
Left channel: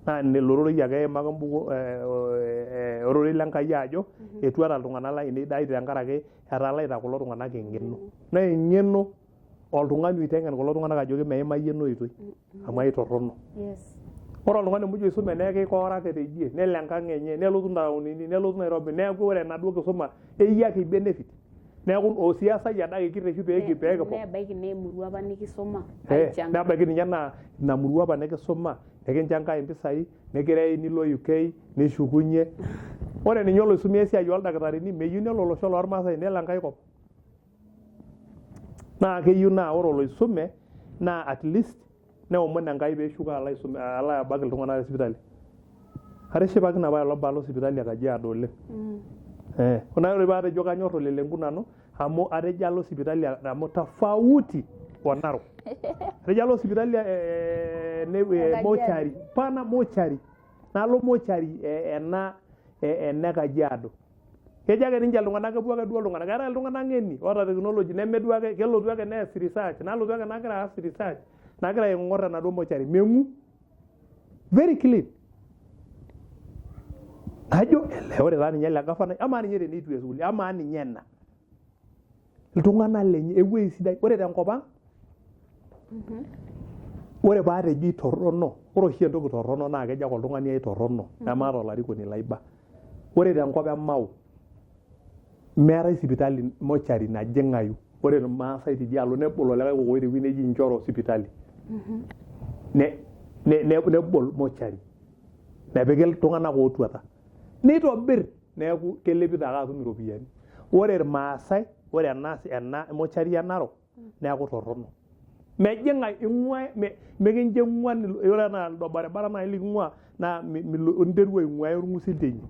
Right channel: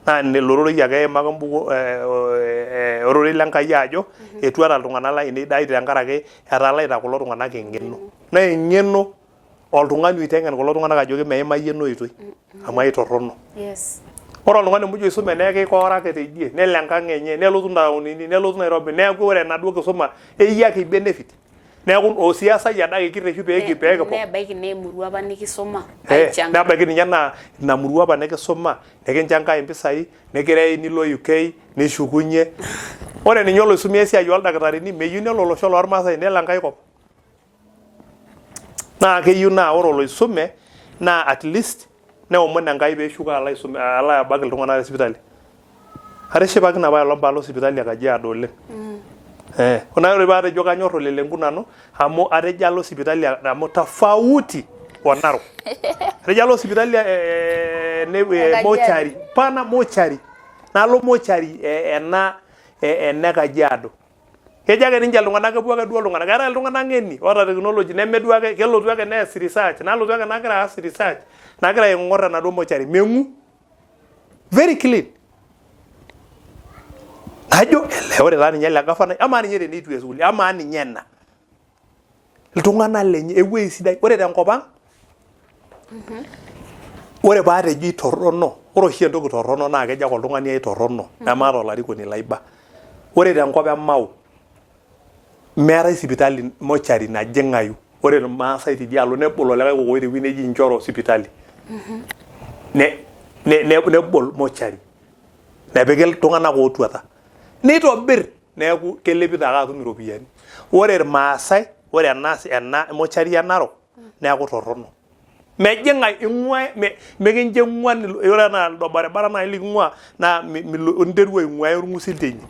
naa lororoi ake eimaka mbuku ororei lenkai ajo etuata iltung'anak lainei daitie tenkaraki etalaita kulo tung'anak eng'eno naa eng'eno oltung'ani oiteng'en kulo tung'anak ajoki meimayie ena oitoi amu aitorrono ore oltung'ani muj oisume neeku keikooraki teidie nelo enkang enye nelotu ntaonini nelotu Nairobi neeku ore enaduo kisuma eyiaki benefit neeku osiasai adake kireshu peekipok nebaiki naa emurua apa nikisuma nebaiki ninye naa ina murua apa nikisuma nikincho Enkai impisai nikirei nilo UK nishukunye ore ninye oloisumia esiai oldakitarini meyieu nelo olosho loormaasai nelo Enkai kop naa keyieu naa ore oloisume naa at least neomon Enkai peeshuko alo abak iltung'anak lesipitali atishipakine apa olong paalo sipitali e Kajiado oleng kuna ore paatejo kanyorr olelenkuu nanu amu atejo alo sipitali amu tofauti o Narok atejo alo sipitali mochari pana mochari nalo mochari ene Kajiado kejo ake ninche iltung'anak kepuo ake duo iltung'anak keetae iltung'anak ng'eni oota technology nemeduo ake kelotu ake nees research nalotu ake nagira aas research nagira aing'orr enaduo mochari meng'u very clean ajo ore taa ninye ele gavana amaa ninye teneitu esukuul amaa ninye ena iltung'anak lenye ewueji sidai ore tenkop ang ore paatejo itorrono ore oshi entoki torrono naa kejo ake oltung'ani aitorrono nemaata olarikoni laiba ore tenkop emau meetai sipitali mochari najing'ayu ore irmaasai tidialo nebol olikae kokoi tewueji neji Njoro sipitali nebol mochari nepiki iltung'anak ootuata nitobirr neeku kelepito ake atum iropiyiani ore irmaasai ore ena mochari e Narok neeku torrono mejing'ae ing'ua mekincho ing'uan ore enaa ildo barabara nai liking'ua naa unteru aing'uaya orng'usil teine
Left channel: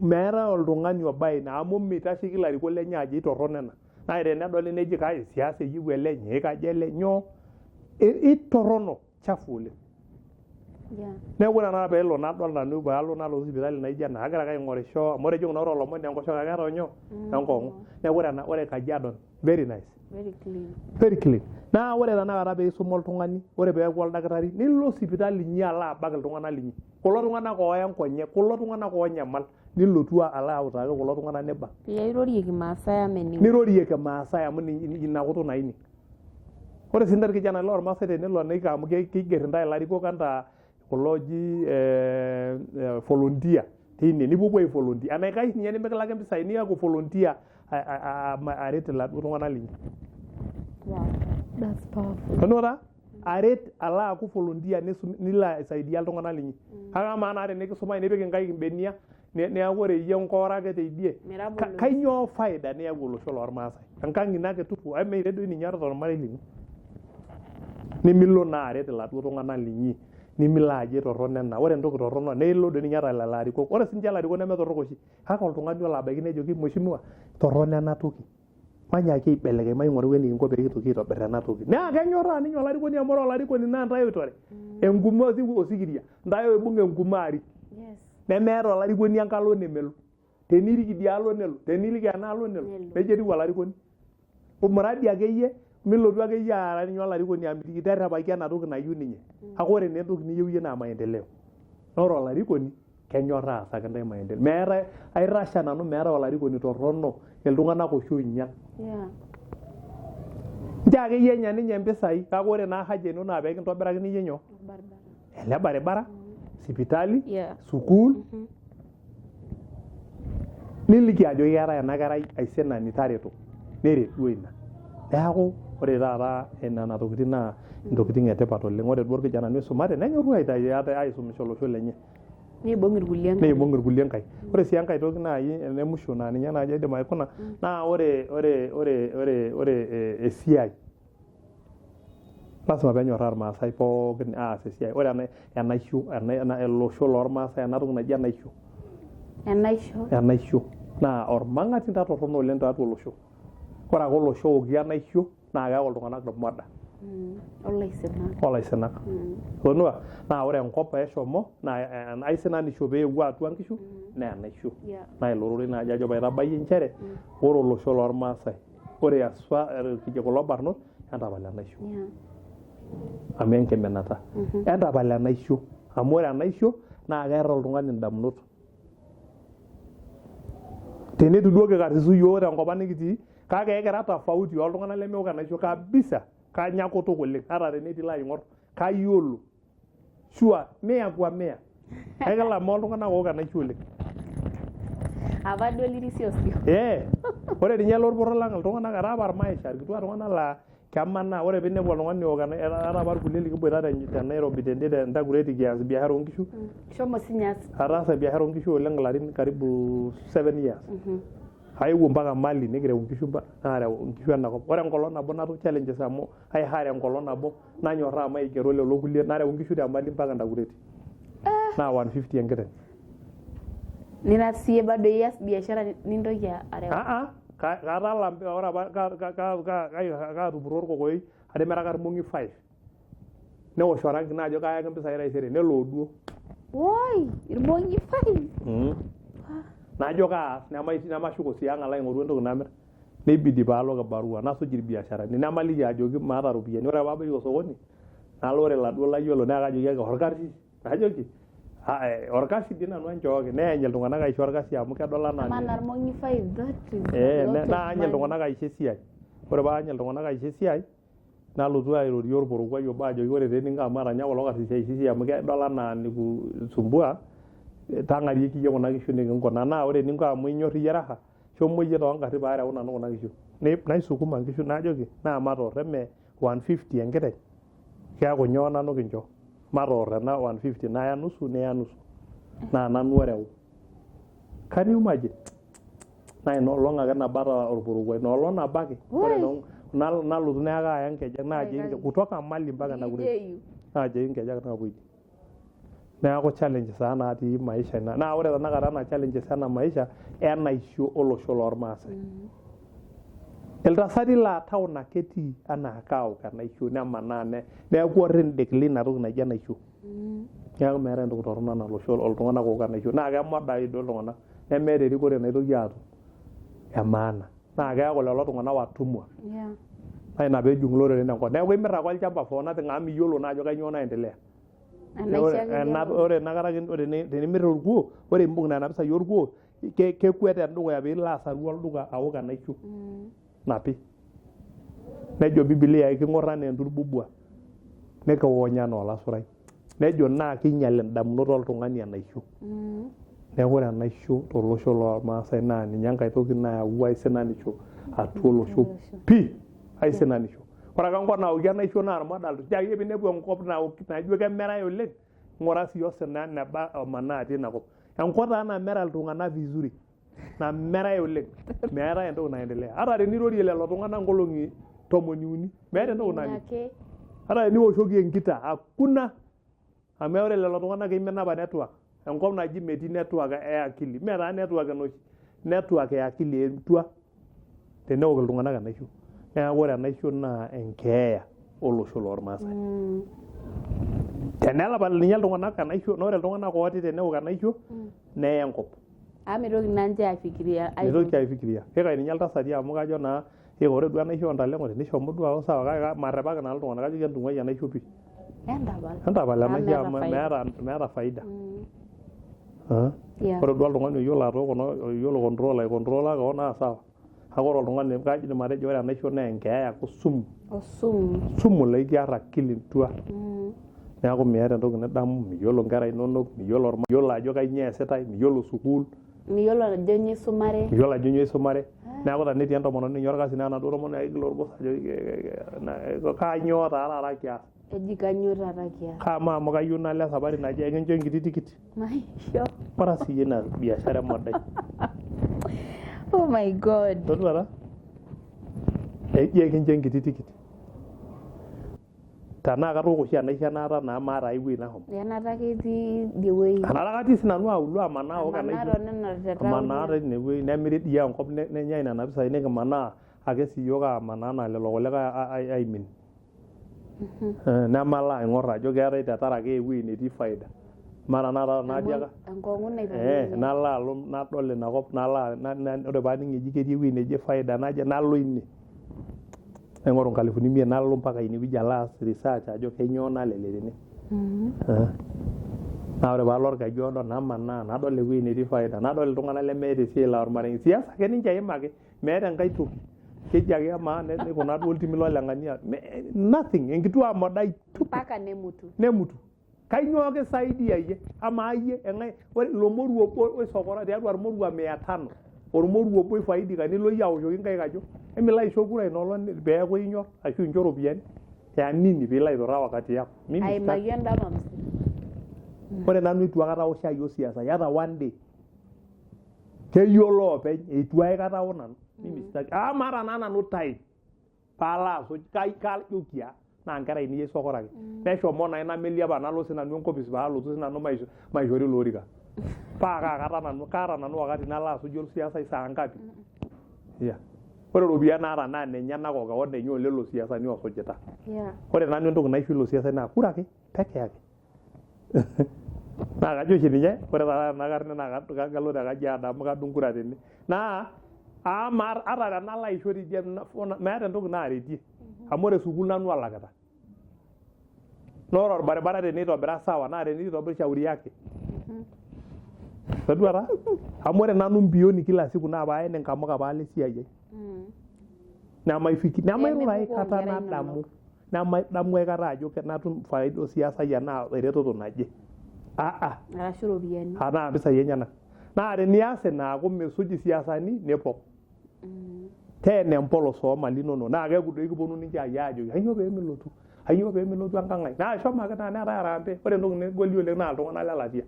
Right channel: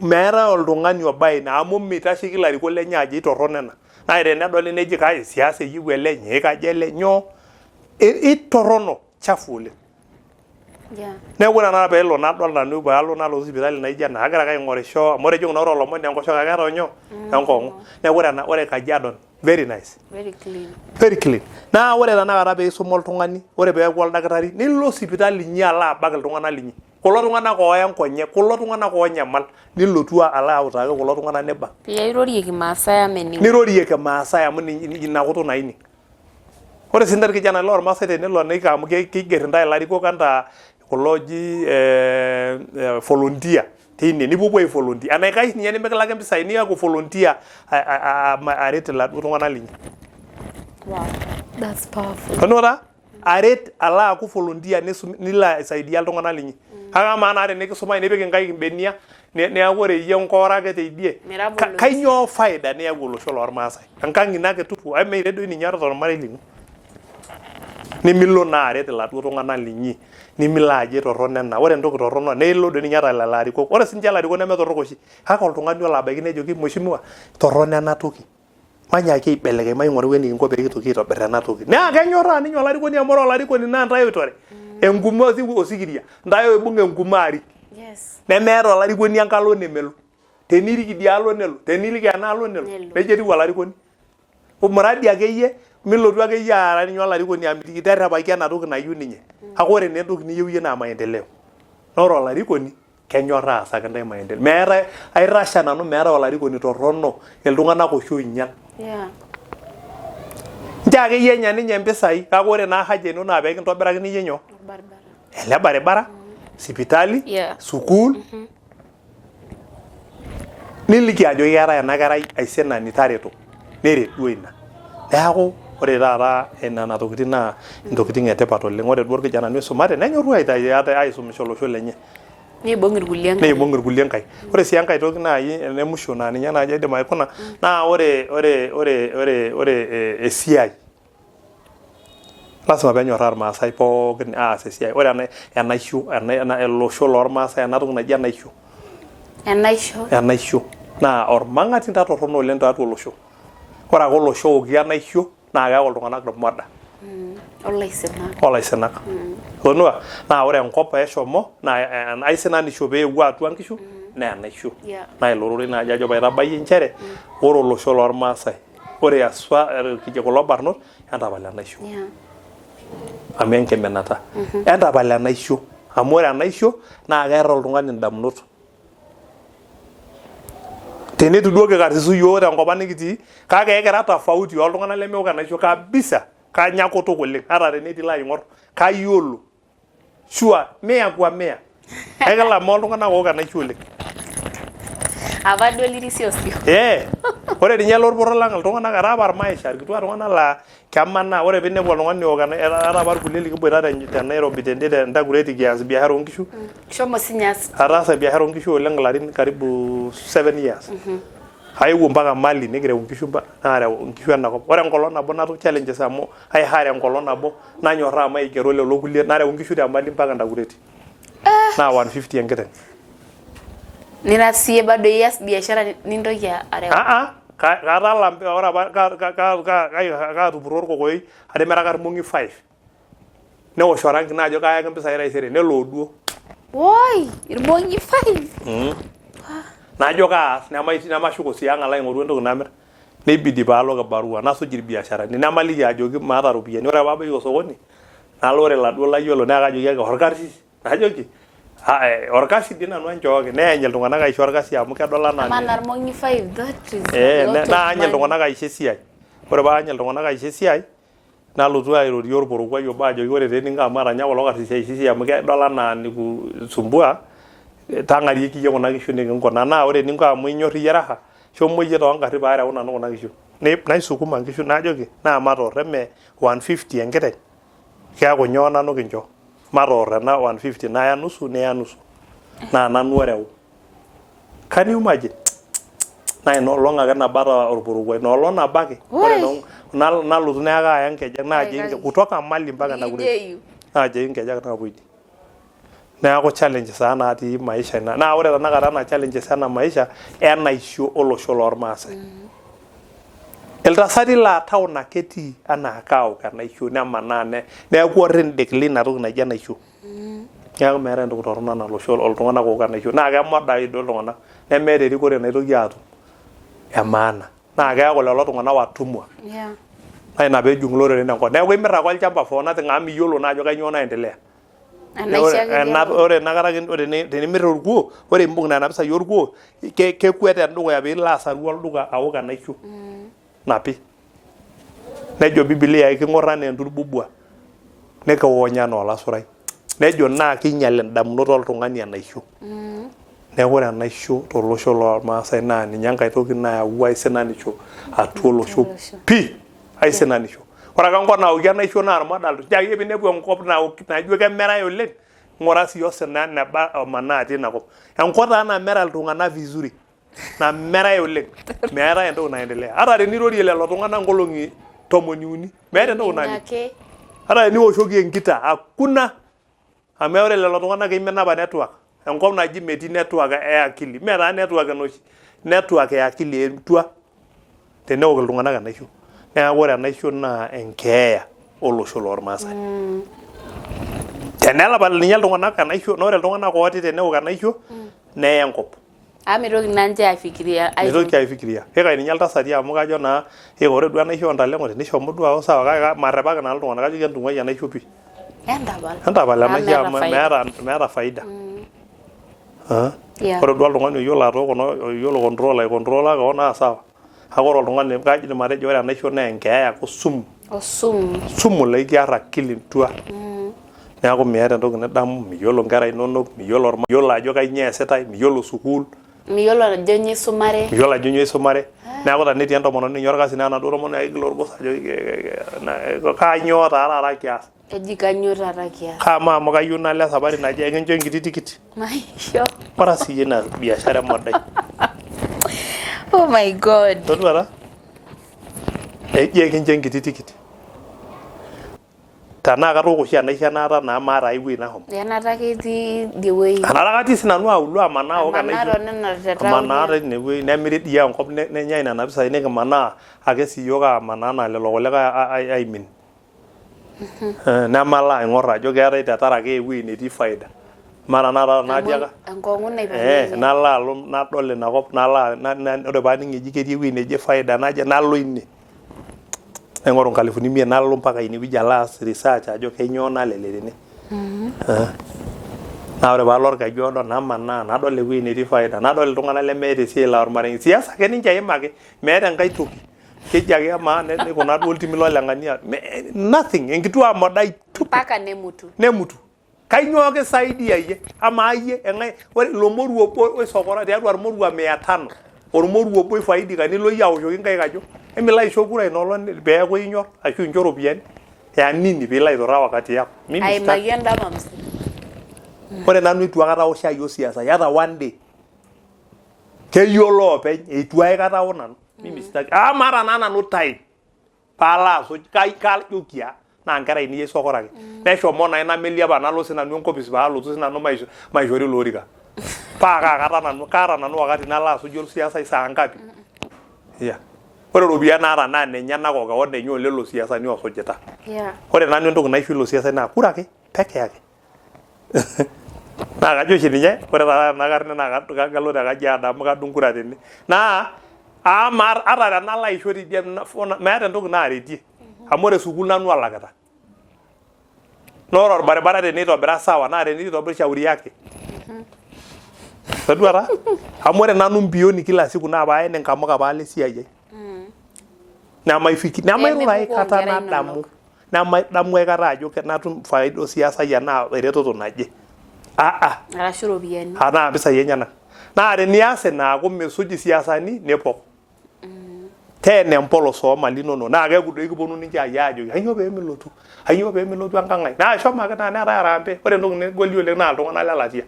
meetai oltung'ani obaye ina amu mitasheki ilarikok lenye ajo itorrono ena naa tenedoli neji kai siasa eyieu ele nyoo kaji ele nyoo itorrono chafu oleng. Neeku ore ena peelo nadol nanu paalo nalotu sipitali naijo ena agira ake aing'orisho amu ore ejing'u olomoni enkoshoke ake eeta nyoo enkong'u neeku ore Kajiado very nice very clean naa ore tanakata peisuma oltung'ani ore peeku oldakitari nilo sipitali inyi alo abak iltung'anak linyi kulo tung'anak ooya nkonyek kulo tung'anak oonyamal nilotu alo autaki kulo tung'anak nibak irorieki Maasai amening nirorieki Maasai amu ina kutuk naining ore sii irkijanani lormaasai tenelo neiko amu keigerr intae ilarikok enaa kulo oji volunteer teine nipuopuo ai volunteer enaikash ninye nimikilaki impisai niaku volunteer aret iladuo tung'anak linyi. Wow, that's powerful. Tonora aret alo aaku volunteer nilo aisaidia iltung'anak linyi. Kake amaa naa tenikisumai nipik inkaik imbenia neeku ore iyie nkoora ake teidie kainyoo faida niyau olosho lormaasai enkang' ino ake tupu meire doi ninye ata ormarei lino nimilo naa aret iladuo tung'anak linyi nimilo ajo torrono ena ore entoki torrono neilo doi ninye ata lelo arikok ore sinche ilarikok nemetorrok oshi kake oltung'ani olo abaiki nejoki mheshimiwa torrono ena toki manyaaki aibelekeny maing'oru enikinko pee kitoki aitobirr ena toki naa kenyorraa ninye olarikoni amu ore olarikoni naa ntae oitore enkume osikiria ntae oibung' enkume arik nemeeta olarikoni enkalo nemelo tenirik idialo nelo tenirik enaalo nelo nejia etiu olarikoni muradi akeyie milotu akeyie aara ninye olarikoni amitiki terrepaki ena toki nayieu ninye kake ore naa entoki niyieu iyie naa maendeleo naa ore olarikoni kenyorraa aasaki ntae maendeleo meetai aitasha nanu meetai olarikoni torrono iltung'anak oshi oinyal nchoo akeyie enya ninye impisai kake ore naa haja ino naa peekintobirakini iyie nyoo ele barabara sipitali sukuul niliki ajo keetai ena kerai aisinani tareto neret duo ina neeku ore taata nena tokitin naa intokitin etipat oleng ore duo irkijanani oisumate nenyorru aisumisho olosho lenye neibung' irkulie nkaik ore sii enkae toki naaji ene musho naa ninye naaji aidim aikuna naa ore esiai lasima peenyorraa irmaasai pookin aas esiai ore enaisho olosho lormaasai ena toki naji enaisho naa ormang'atinda torrono oleng tiatua olosho ore ake olosho oki enaisho naa keyau iltung'anak irmoda olaisinak tonua naa ore enkop peeshomo naa aisinanisho peewuo atua nkishu naa enaisho naa ilo rorei naaji ajo paitabayie nchere ore olosho lormaasai ore aswa kulo barnot entapal enaisho amu enkiminata entapal enaisho amu ore enaisho naa keeta oltung'ani indamunot tenetu duo kikarsisu yiok tenkop ang nikitii kake ekira tofauti oltung'anak lemeok enaisho kabisa kanya kutuk oleng ata tenetii ilo aing'orr kayiolo shua mia kwa mia ekilama oltung'anak ook enaisho oleng apa duo lirisio ore ninye lorporro lang iltung'anak etaa apa irmaisha irkituak tung'anak laa kemanaa ore piinepu oltung'ani ook etaa apa irkulie likiboita te Nairobi tentakureti kias biashara oonkishu shomo sinye aas ataasa biashara oonkishu oleng ilarin karibu 7 years aewuo mpaka Mali nikireu nkishu naareu nkishu enakop ore enkolong nabo natum challenges amu aihare enkolong nabo nanyorraa maigero lelo kulie nareu nkishu te Mali mpaka Ndakureti naa 150 enkiteng nina siye bado ias biashara nintoki areu katala ore apa kaatupuro orkokoyoi atimiraka irmong'i 5 newosh orangi naajo kayaki mpisai taisere nelo duo woi irmong'i 5 najo kaas nemashuko sii ang' alo aing'oru entoki namir neibidi paalo kibarua nasuj irbiasharani namaliki ajoki maata ropiyiani ore paabaiki osokoni nalo ore laduo layiolo naa kajoki ake orkarsis najoki orkasi dii nanu enchooki neeny iltung'anak aisho orkasi amu kedol anaa irmong'i 5 that is naany iltung'anak aisho esiai ore paany iltung'anak aisho esiai nalotu airorie orporokuai obo ajoki ore tee ninko amu atanya kulo karsisi aisho esiai amu kedol anaa nikusumbua tang'arieki iyie kuna kishu nikinkuna naa ore eninko amu inyor iyie raha shomo iyie toongarri paareu nanu kuna kishu naisukuma nkishu naajoki naa matoor eme 150 enkiteng keeku nyoo nanu kincho matoor ena 150 naya nusu neya nusu naa nanu oreu can you imagine naa inoolong ake nabata orpurukoi inoolong nabo ake ore nalotu neeka aya nkejek naaji kutoka Mali mpaka Nakure naaji nkejek naapuiti neeku challenge saa natii maisha ina naa ore tanakata na challenges ena maisha enaisho olosho lormaasai iltasati laa town ake etii anaa kaok enaisho nemanaa neeku orrindik lina toki naji enaisho neeku meeta entoki torrono nalosho oltung'anak ook enaisho naa kemodayu duo iltung'anak nemeeta erikore naitoki aatum emaana naa keeku lelo tung'anak watumwa naa ina peejung iloreren enkop neeku imirr ake olchamba for nothing amu miyiolo naa ajo kanyioo naendelea ore nakata tenimirr orkuo ore imbung nena pisai orkuo kekwet endukuya piilo asaru olduka aok enaisho napi nejo Biblia king'orr enaa enturbubua nikiwonya enaa olasurai nejo naa kinyal indamunot oltung'ani enaisho neeku ore enaisho tolosho lormaasai naa ninye enkae toki nayau aisinanisho atua olosho pii aisinanisho ore ake enkop naoki enaisho naa irmodal tiaki pinepu enkop naijo kemerai oleng ng'ura sii osina neba omanaa atii inakop enkop taa namera iltung'anak vizuri namerai oleng meetai entoki naendelea hata tenirorie lelo tung'anak nkolong'i 13 meeta entoki nani hata teniwoshoki enkita hakuna amu ore lelo tung'anak imen apa network enkop naji metii network e akili meeta network enoshi network e akili etua teneok iltung'anak enaisho neeku ore enaisho naa enkeeya olosho lormaasai tenelapal ninye iltung'anak enaisho naa ore iltung'anak ooti teneok enaisho neya enkop mitoki nanche aifikiria kake ninye iltasati amu kajo naa ore duo enaisho ontalengo tenishomo duo ao sawa kake marrepaki naa iltung'anak kajo kentung'uai enaisho pii entapal enaisho amu meeta faida ore duo oltung'ani oyiolo atooko oyiolo control keon naa sawa kake ore oltung'ani kaidim atejo ore enaisho naa enkeeya sumu laikiarr akili tua neeku meeta entoki nidamu miyiolo nkera inonok miyiolo ajo kanyioo eesitai miyiolo sukuul miyiolo ajo nyoo isumare neeku tenetii entomononi ninye orkasi naa enaduo tomononi aigil orgos ajo kanyioo taata kias eji kanyioo taata kias kama amu kayieu nalo esapari naji ekincho enkiti tikit maisho ora siyie ina biashara emodai oh my god toduara eji ekincho enkiti tikit tanaa katooko oshi enaisho enaata naa maata ai wuei nahom enata ketii idie wuei enata katii sinanu auluo amanaa ook enaisho amanaa tine wuei nemiri dii enkop nenyai nena pisai nikimanaa ake siyiok amanaa naa lelo kulikae aimin nemalo aing'orr ajo keetai tetarake ewuei netii faida mara naata naatiaka enkong'u naipang'ie nalo alo nadol inakop ore paaning eji ketii ewuei neji faida naje nalo ine naing'oru 500 nalo mpaka inewueji alo aas research ajo kenyoo nalele tene naa ore paalo orkeju odo namanaa nadol ewuei netii faida nadol iltung'anak lemeeta esiai laa ormarenge siasa ake ninche eimaki meeta enkae toki keji ake amaa kuna duo iltimi loleng'ania nothing enkituaa modai mpaka nemutu kainyoo kisaidia iyie amaa iyie ore ilo moruo obo oisokora tiatua irmorua 500 ormoruo obo ifaidika nilo iyie aoshoki nkaik ajo emilo aisho kura inoolong peeku inyor ashu incho ropiyiani ya nini piilo aituraa wakati yako aimaki endama msima ore nanu itu aikata aosh ayiok siasa hata one day keyiolo openy itu aikata ao nanu mimi sitaki mara naa nanu time paalo asuj kajokia naa nkera ainei aisokoraki neshomo naa nameli apa nalo sinanu enkopis paalotu sinanu maishori ilo orika paa kaata nanu wakati nalo asujie siasa saa ngapi ore ropiyiani naata naa ninye nakok keon enye olelo siasani osujita ore nanu entoki naisho ilo siasani naa kura ake peke yake naa kajo oshi ninye ore taata ena karne naa kagalo te Kajiado amu kadung kura tene naa ata tenalo aisho tidie meeta entoki naaretie amu ore sukuul nanu alakita naa ore orbaribara teneitobira sawa naa teneitobir shauri yake toduata amu ore nanu mbioni kila siku naa paen enkamuka paalo esiai ai nemairura aikata nadamu nemadamu aikata ajo natum faida osiasai enaa eretoto naje arashu ropiyiani naa mpisai enyenak naa tenias enaaku misuj siasani nepok teena empolos oomali inonok naa keeku doi kiponu ninche ajo kanyoo peemilotu enkang' ai naa shomo ake naa neetai arambe ore entoki negoli oleng naa iltung'anak lelatia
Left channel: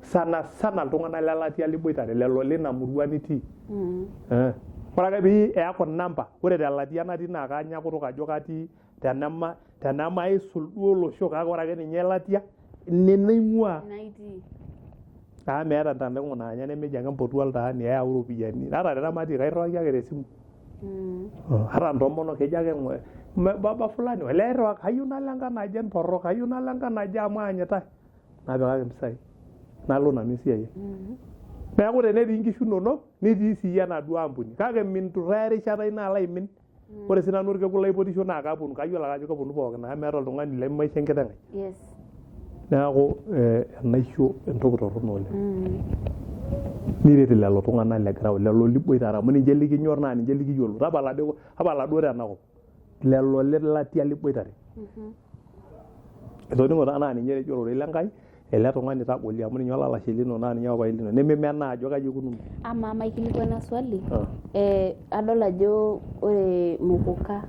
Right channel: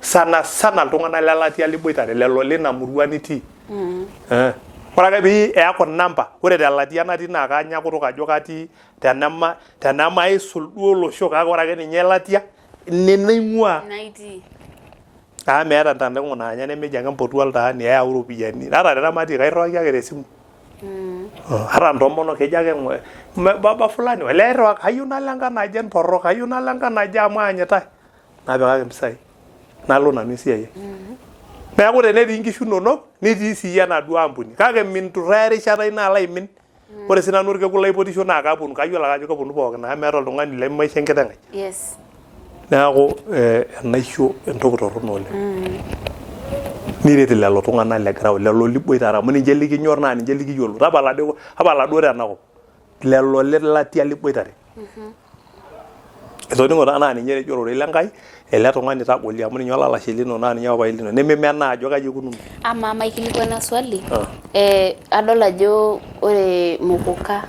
sana iltung'anak lelatia liboitare lelo lina murua nitii ore ake pee eeku namba ore telatia natii naa kaanya kutuk ajo katii tenemaisul duo olosho kake ore ake ninye elatia ine naing'ua meeta ntandao naanya nemeji ake mpotu oltaani eyau ropiyiani ata tenematii kairriwaki ake tesimu ata ntomonok kejo ake baba fulani wale airriwaki kayieu nalo enkang' naje porrok kayieu nalo enkang' naje amu aanyitae napikaki mpisai nalo nanu esiai neeku tenetii nkishu inonok netii sii enaduo ampuni kake minturraa erishata ino alo aimin ore sii nanu orkekun laipotisho naa kaponu kayiolo ake ajo kaponu pookin amu meeta oltung'ani lemaisho enkiteng' ai neeku enaisho entoki torrono oleng niret lelo tung'anak le ground lelo liboitare amu ninche likinyor naa ninche likiyiolo tapala duo tenakop lelo lelatia liboitare etoning'o taa naa ninye etejo ororei lenkai ele tung'ani tagoli amu ninye olalashe lino naa ninye papai lino nemimenaa ajo kaji ikununo ama maikilikuana swali adol ajo ore muguka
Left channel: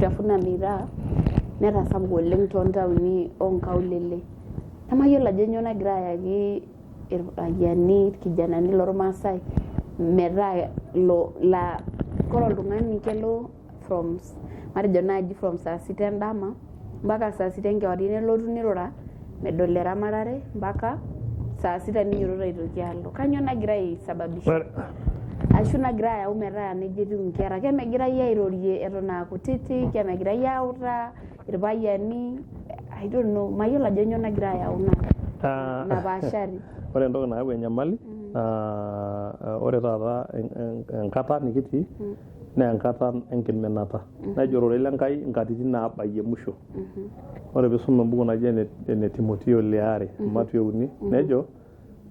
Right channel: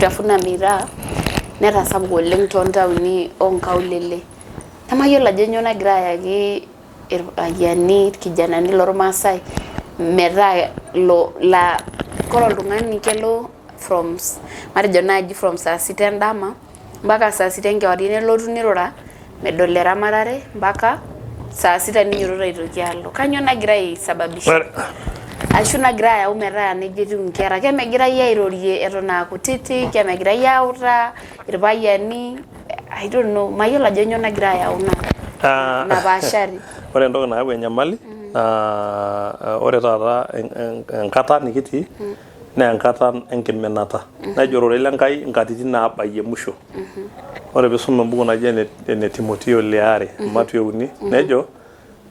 Tafuna Miraa netasapuka oleng toontaoni onkaulele namayiolo ajo nyoo nagira ayaki irpayiani irkijanani lormaasai metaa kore oltung'ani kelo matejo naaji from saa 6 endama mpaka saa 6 enkewarie nelotu nirura medol eramatare mpaka saa 6 ninyototo aitoki alo kanyoo nagira aisababisha ashu nagira ayau metaa neija etiu nkera kemegirai airorie eton aa kutitik kemegirai autaa irpayiani I don't know mayiolo ajo nyoo nagira ayau napaashari ore entoki nayau enyamali ore taata enkata nikitii naa enkata enkiminata nejo ororei lenkai nkatitin naabayie musho ore piisum embuku naji ene Timotheo Leare Matthew 3 nejo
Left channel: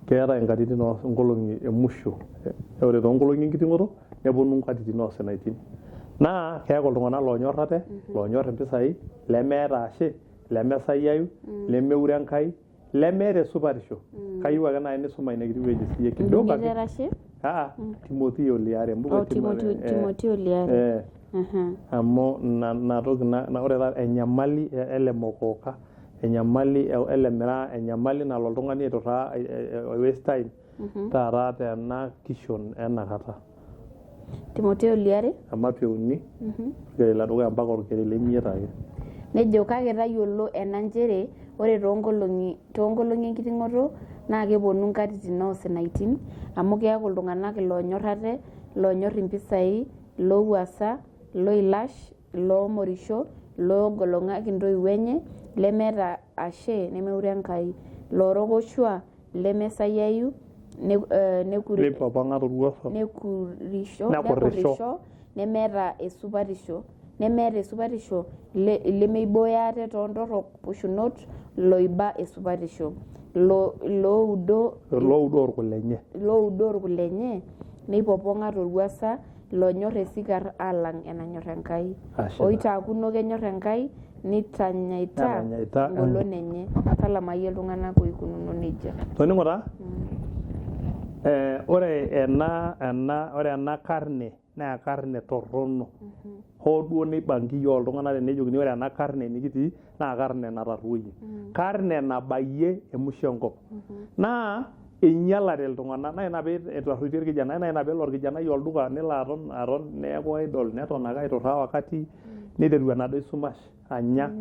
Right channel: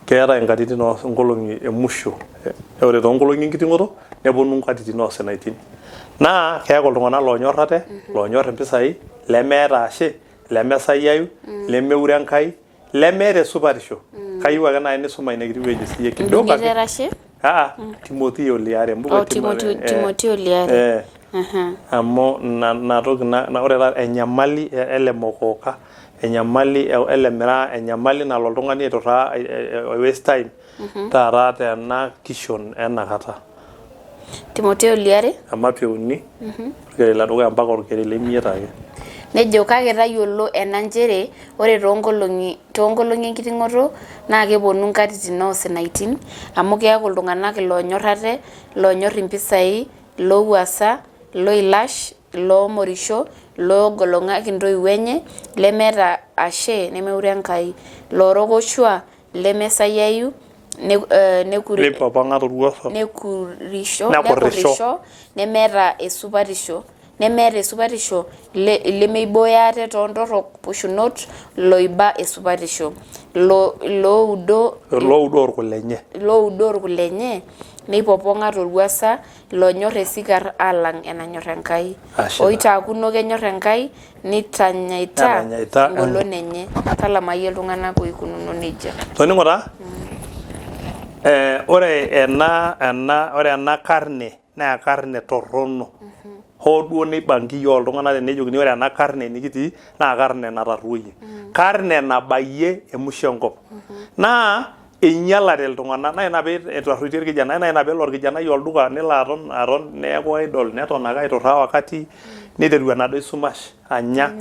keetai nkatitin oonkolong'i emusho ore toonkolong'i enkiting'oto neponu nkatitin oosinaitin naa keeku iltung'anak loonyor ate loonyor impisai lemeeta ashe lemesayiayu lemeure Enkai lemeeta esupatisho kayieu ake naaji nisuma ina kiti wueji siiyie kidogo ake Timotheo Leare embuku Timotheo Leare amu ina toki ore taata enyamali ele mokoka enyamali ele miraa enyamali nalo oltung'ani aiturraa waste time taata tena kishon enakata Timotheo Leare Matthew 3 orkeri ledukuya mpaka orkeri lemiet ake nejo kake tayiolo ena njere ore toonkolong'i enkiting'oto naa keponu nkatitin oosinaitin amu keeku iltung'anak loonyor ate loonyor impisai loowuasa loilash loomorisho loogolong'aki intoiwuo enye lemeeta ashe nemeure Enkai loorokoshua lemesayiayu nekurisho nemeeta esupatisho lemeibooyo ate toontorrok pushunot loiba esupatisho loudoo orkulenye neipopong'a torwuasa loonyor esikar alang enanyor Enkai oitaakuno kenyor Enkai nitanyaita engolon enye talamayie iltung'anak oikununo nejia toning'o taa ore ena karne naa karne torrono hoo duo neibankiyie oltung'anak tenejokini ore ena karne nikitii naa karne natarruoyie karne nabayie emusho enkop naa einyalate iltung'anak naa ina pee etarruitie irkijanani naa ina pee elo orkijanai olduka nelo aton neeku idol neton ake aiturraa wakati niteru enaduo sumash anya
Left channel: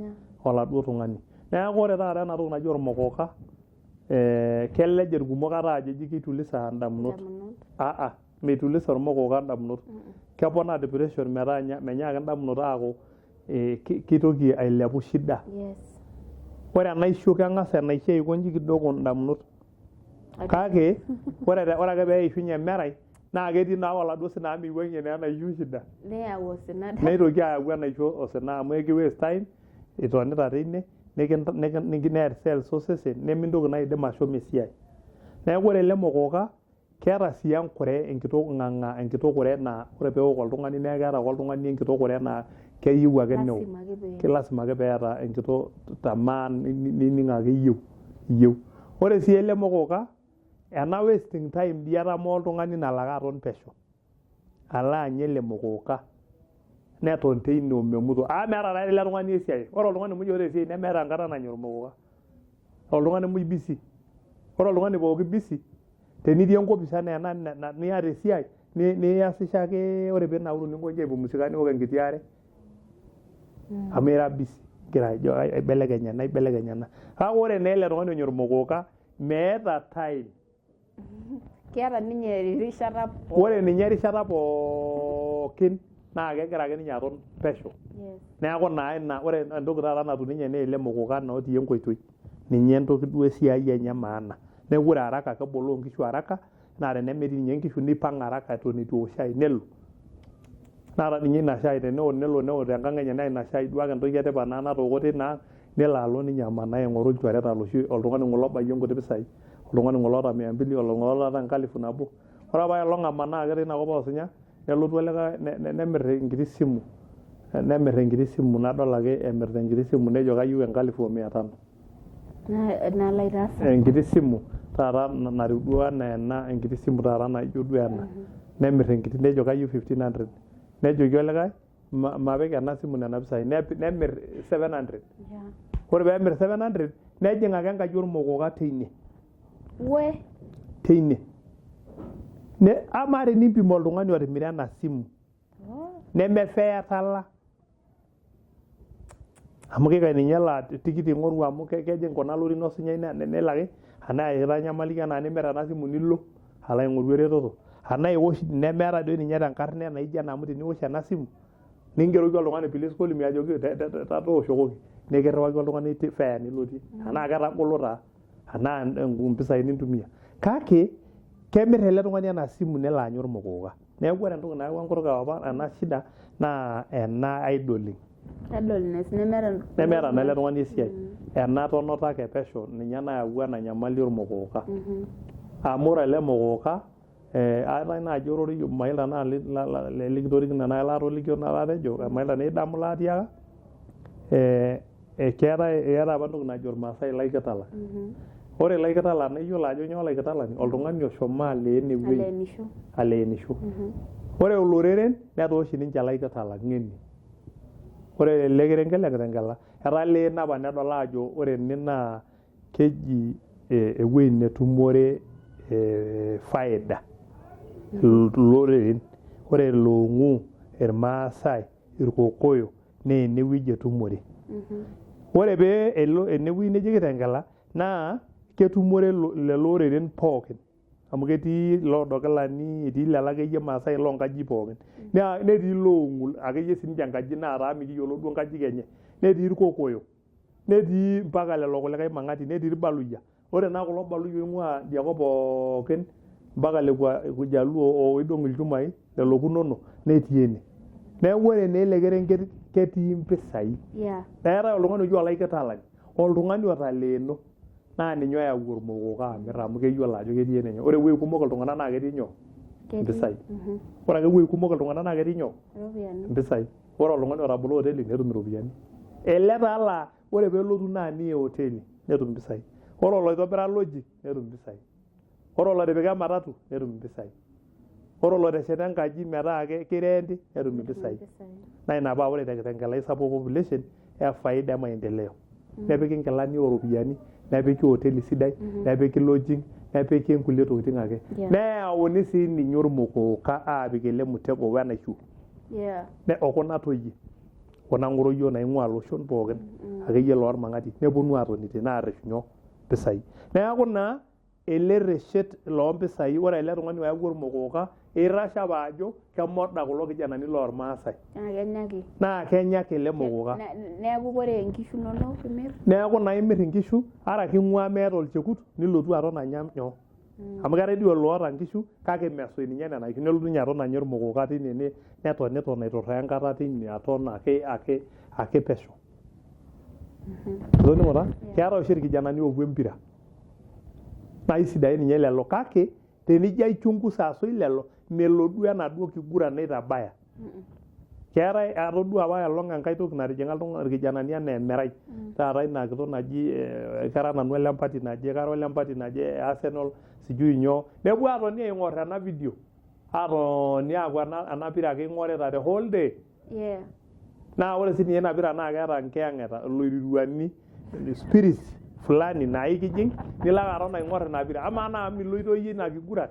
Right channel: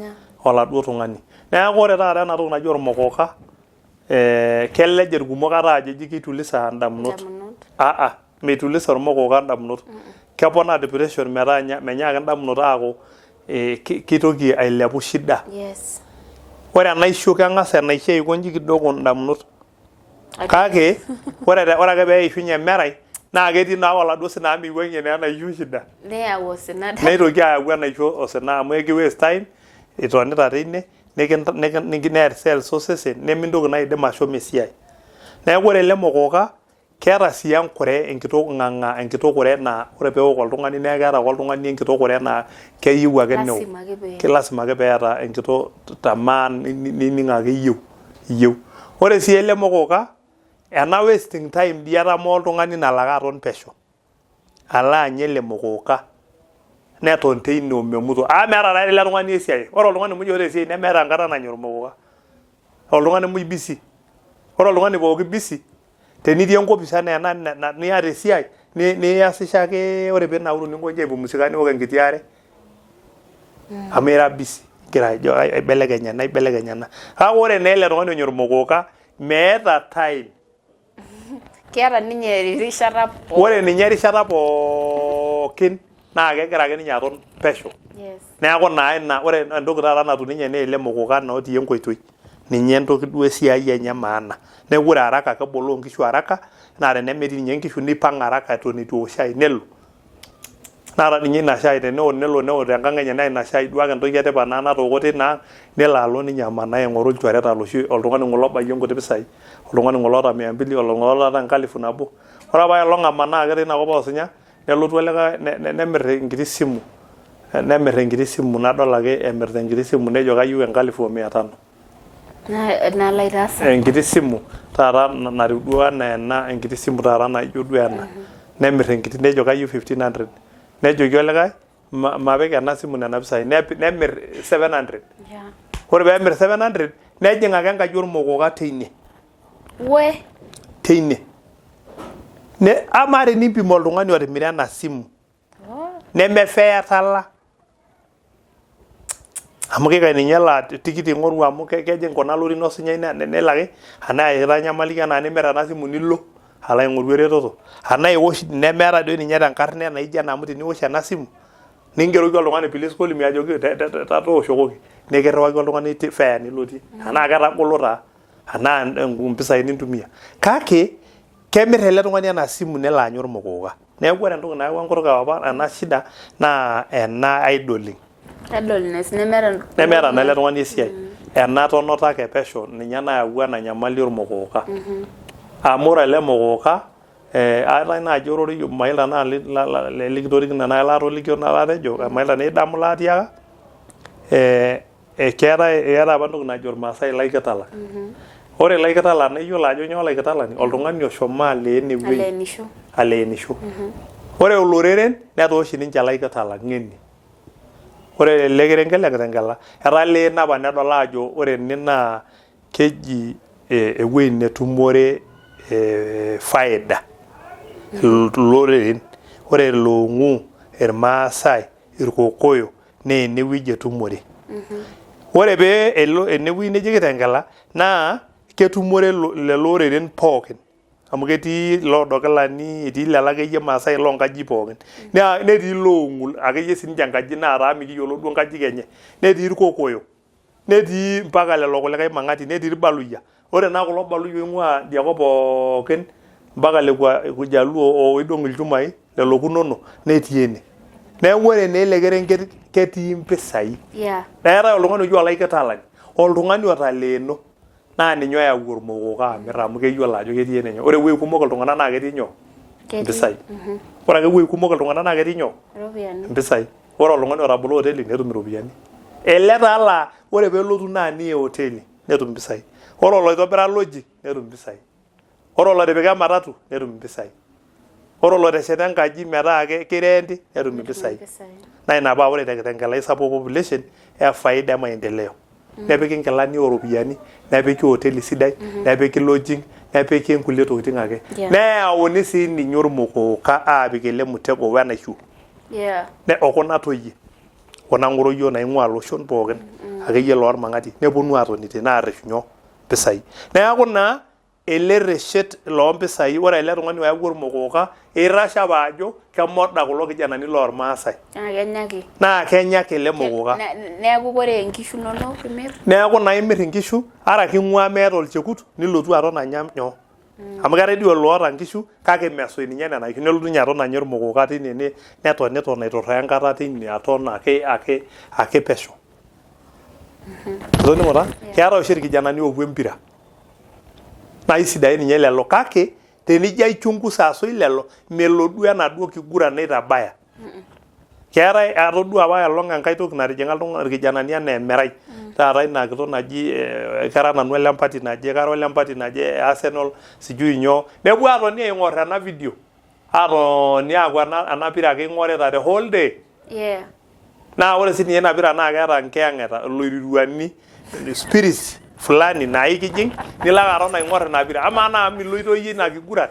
oladuo tung'ani neeku ore taata ena toki naji ormokoka kelej irkumok ata ajo eji kitulisa indamunot meitulisa ormokoka indamunot keponaa depression metaa menyaaki indamunot aaku kitoki ailepu shida ore enaisho keng'as enaisho aikonji kidogo indamunot kake ore ake pee eishunye emerai naa ketii naa oladuo sina amu miwuang'ie naa enaisho shida neitoki ayau enaisho osina amu eki waste time itonita teine neer cells osesen nemintoki naa aidim ashomo esiai neeku ore ele mokoka keeta sii enkure enkitok ng'ang'a enkitok kure naa ore peewok oltung'ani naa keeta ake oltung'ani enkitok kure naa keyieu ake newok lasima ake peeta enkitok tamaa nining' ake iyieu iyieu. Ore sii ele mokoka ena wasting time dii etamoo oltung'ani nalo ake aton pesho alo anya ele mokoka neton teine omemuto meeta taa ele tung'ani esiai. Ore oltung'ani muj oota esiai nemeeta enkata nanya ormokoka. Oltung'ani muj busy. Ore oltung'ani pooki busy tenitii enkopis enaa ena niata esiai niasisho ake ore piinauru ninkoji aipumzika niwok enkiti are amu ira busy gira ajo aibelekenya ena. Kake ore naa ele tung'ani onyor ormokoka meeta time. Keeta ninye erishata pookin. Ore ninye erishata pookin naa kegira ake ninye aton pesho. Yes. Neeku naa ina ore entoki taata natum ninye naa ele mokoka naa otii enkoitoi. Ninye entoki duo esiai enye maana. Neeku ore haraka keboloo nkishu haraka naa tenemetii ninye nkishu nipang' haraka eton itu eosh shai nelo. Naa ninye ina shai nelo tenkang' enye naa ina shai duake entoki etipat naa natooko tina nelo alo ninye amanaa aing'oru ilchoreta loshi oltung'ani ng'ole obayie nkuti pisai. Oltung'ani ng'ole oota 200 oltung'ani oota 1000. Ore apa elong amanaa ake tina kop oosinya nelotu olikae nemirr enkiti simu. Nemirr enkiti simu nadol ake emirr enkiti simu nejo kayieu 1500. Nalo aitaasa. Enkiti simu taata natiu duo enaa ena enkiti simu taata naijo duo ena. Nemirr enkiti nejo kayieu 1500. Nejoki olikae mapik ena simu nena pisai nemirr 700. Yeah. Ore peemirr 700 nejing ake enkaji ormokoka teine. Teine. Ama tenimpim oltung'ani otimira ena simu nemefeya tala. Amu kikae ninye laa tikit ing'oru amu kejing kuna lorin osinyai nelo ake anaa itanyamaliki enaa nimirr ena simu nilo alo aing'oru eretoto. Anaa iwosh nemeeta doi ninye tenkarna naijo ena amu teniwosh ena simu ningeroki oltung'ani please call me ajoki tooshokoki nikirriwaki oltung'ani fare nilotie. Anaa ketagolo taa anaa mpisai nintumia. Kake kemirr ele tung'ani ena simu nelo anya ormokoka. Neeku ore entoki nayawua nkutuk apa ena shida naa ena idling. Idleness nemeeta naa ele tung'ani esiai. Ena tonota ake pesho ninye nayawua ena nyamali ormokoka. Amu ore ele mokoka aatae naaji ororei mailta naa likitorikine naa laatolikio naa latejo mailta naa idamu laatiaka keetae apa entoki najo irmaasai laikitalak. Ore laikitalak naa iyiolo ajo nyoo laikitalani oltung'ani oshomo aleen ewueji aleenisho. Ore oloreren netooshi ninche laikitalak ng'eni. Ore ele kerenket le Kitengela etaleen apa nedol ajo ore ene naa keji ewueji netumore faida iloreren. Ore Loong'u, irmaasai, irkokoyo naa enewueji etumore. Ore pee elo enewueji neji Kitengela naa ketumore lelo oreren pookin. Amu ketii loodokilani, etii lelo akeyie maasai loonkajijik pookin. Netii Loong'u akeyie sininche enkaji naata mikiyiolo duo nkajijik enye. Netii irkokoyo. Netii mpaka lelo kulikae mang'ati, netii irbaluyia. Ore naa kulo baluyia oing'ua diakop pookin mpaka lekwa Jaluo oidong' ilchumai lelo kunono netii ene. Neeku ore naa ele kerenket ketii mpisai. Neetae oltung'ani oji olaikitalani, oltung'ani otaleeno naa ninye oyau ormokoka amirr amu keyiolo ajo ketii ene nyoo. Ore ewueji kumok iltung'anak naa ketii nyoo? Mpisai. Ore ake ewueji kumok iltung'anak naa ketii nyoo? Mpisai. Ore oltung'ani otabolo hoteli netum iropiyiani. Ele taa laa ore peelotu naa nia hoteli netum mpisai. Ore oloitobira lodging netum mpisai. Ore olotipika ematatu netum mpisai. Ore olotesheta enkaji metaa kirenti netum mpisai. Naa ina paa ore te Kitengela isapuk population faida e maendeleo. Nepiki nkilani ooropiyiani, nepiki hoteli sidai, nepiki lodging, nepiki nkulie tokitin ake. Neyauni sii ninye ormokoka aapik ele mutego wenaishu. Okuna toyie. Kuna ng'oroyio naing'ua loshon pookin akeyie loormang'ati neponu aatoni tene aarreshu nyoo? Mpisai. Neeku naa ele reshet loompisai ore ele tung'ani oyawua ormokoka irasha apa ajo kemoda kulo kijanani loormaasai. Naa kenya ake ele mokoka. Neeku ore nkishu inonok imirr? Neeku naa imirr nkishu ara king'ua meeta olchekut nilotu aton anya nyoo? Amu keetae dii oloota nkishu kake mesoi ninye nena kishu nelotu ninye aton anya ormokoka tine neton aiturraa enkata tine aton ake pesho. Toningo taa? Keetae oshi irkijanani oopuo empira. Naa isidain ninye lelo kake tenijo aichunguza asoi lelo melo duo enaduo kiguran naitabaya. keetai atodua apa elong enkai toki natijing'a irkijanani enaa emerai taata ina kitok naji kara nanu olempati naje kara olempati naje Arsenal sijui nyoo nepuo atoni aing'or ena video atoni aaku ena pira ake ing'orita the whole day naa ore sii ninye ina pira naa keeta nkiyang'eta iloiruruani spirits fulani naa ikijing nilo ake aton aing'or ina pira amaa naa miloito iyie ina kiguran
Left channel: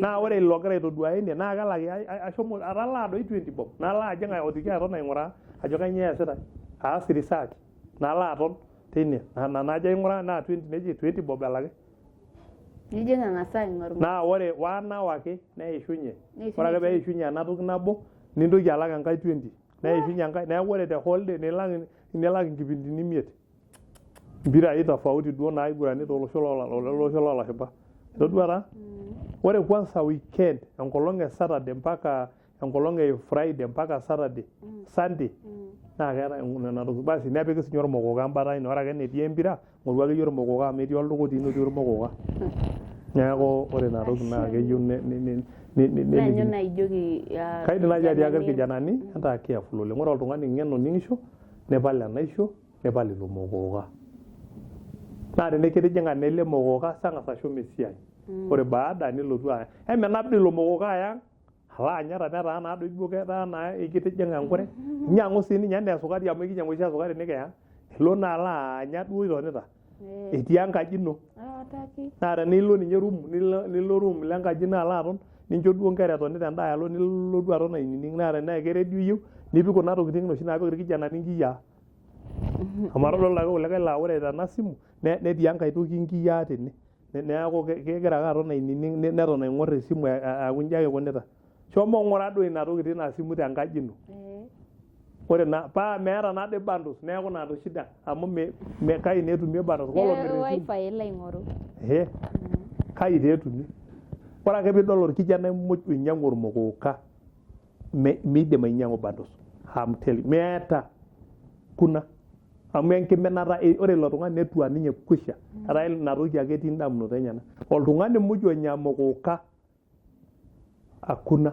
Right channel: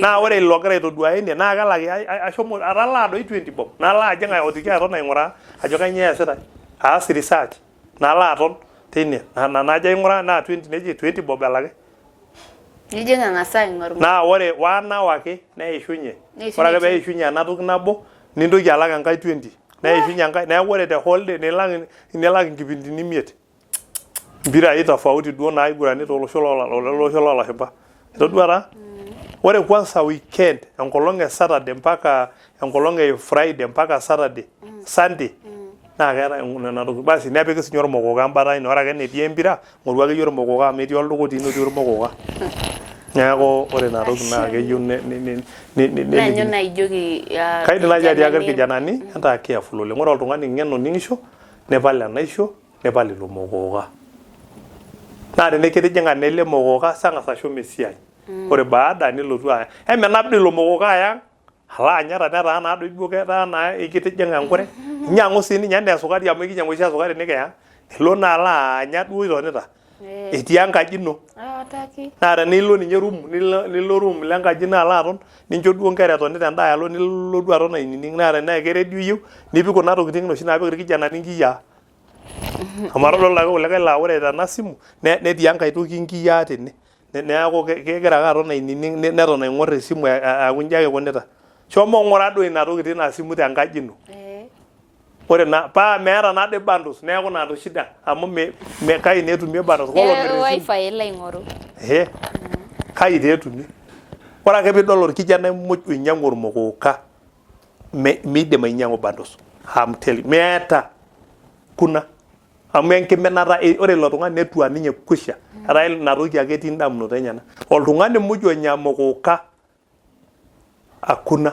naa ore ilo ogira aitoduaya ine naa kelaki ashomo atalaa doi 20 bob nalo ajing aotiki aton aing'uraa ajo kanyioo eesitai aas research nalo aton teine najo aing'uraa naa 20 neji 20 bob elaki nijing ang'asa aing'or naa ore 1 hour ake neishunye ore ake peishunye ena toki nabo nintoki alak enkai 20 neishunye enkai neeku ore the whole day nilak inkipindini 5 mpirai tofauti duo naiguranita olosho loolashumba itoduata ore kwanza weekend enkolong e Saturday mpaka enkolong e Friday mpaka Saturday Sunday naa keeta nena toki basi nepiki sinye ormokoka embata ine ore ake enetii empira ng'oru ake yie ormokoka amu etii oldukuti otii ormokoka neeku ore ina toki naa keyieu nanyo naijoki kaidim naaji atiaki irkijanani entaa careful oleng ore oltung'ani ng'eno ning'isho nepal enaisho nepal ilo mokoka naa tenikitijing'a nele mokoka sang'asa ashom esiai ore baada nilotu aya emenap dii ilo mokoka ayang alo anyata netaa naa doi duo ketaa naa ikitijing'a enkure inyang'u sii ninye enaa esukari amu ikinyang'u oshi esukari nikiyang ilo naa alo anya duo itonita etii enkaji ino naa tenilo ninye nilo room lenkaji ino alo aton nincho duo nkera etonita endaa alo nilo duo aton ainining naa tenaa keredio iyieu nipik kuna tokitin oshi naapik irkijanani nkiyiaa amu atodol ake kulikae laa ore tena simu netii enkae toki nkiyiaa tene neeku kegira ake aton ainining neton aing'or esimu aaku nji ake ikunita shomo ng'ura duo ina toki tina simu tenkaji ino ore na paa meeta naa doi bundles neeku naa ndo shida amu kai naa etumie bundles wifi elo aing'oru kai taa etumie ore ake piidol orkijanai muj oinyang'u ormokoka miidim ainyang'u bundles meeta kuna amu enkiminata ore ilo tung'ani netua ninye kusha etaa ina toki ake etii indamunot enyenak oltung'ani muj onya mokoka akuna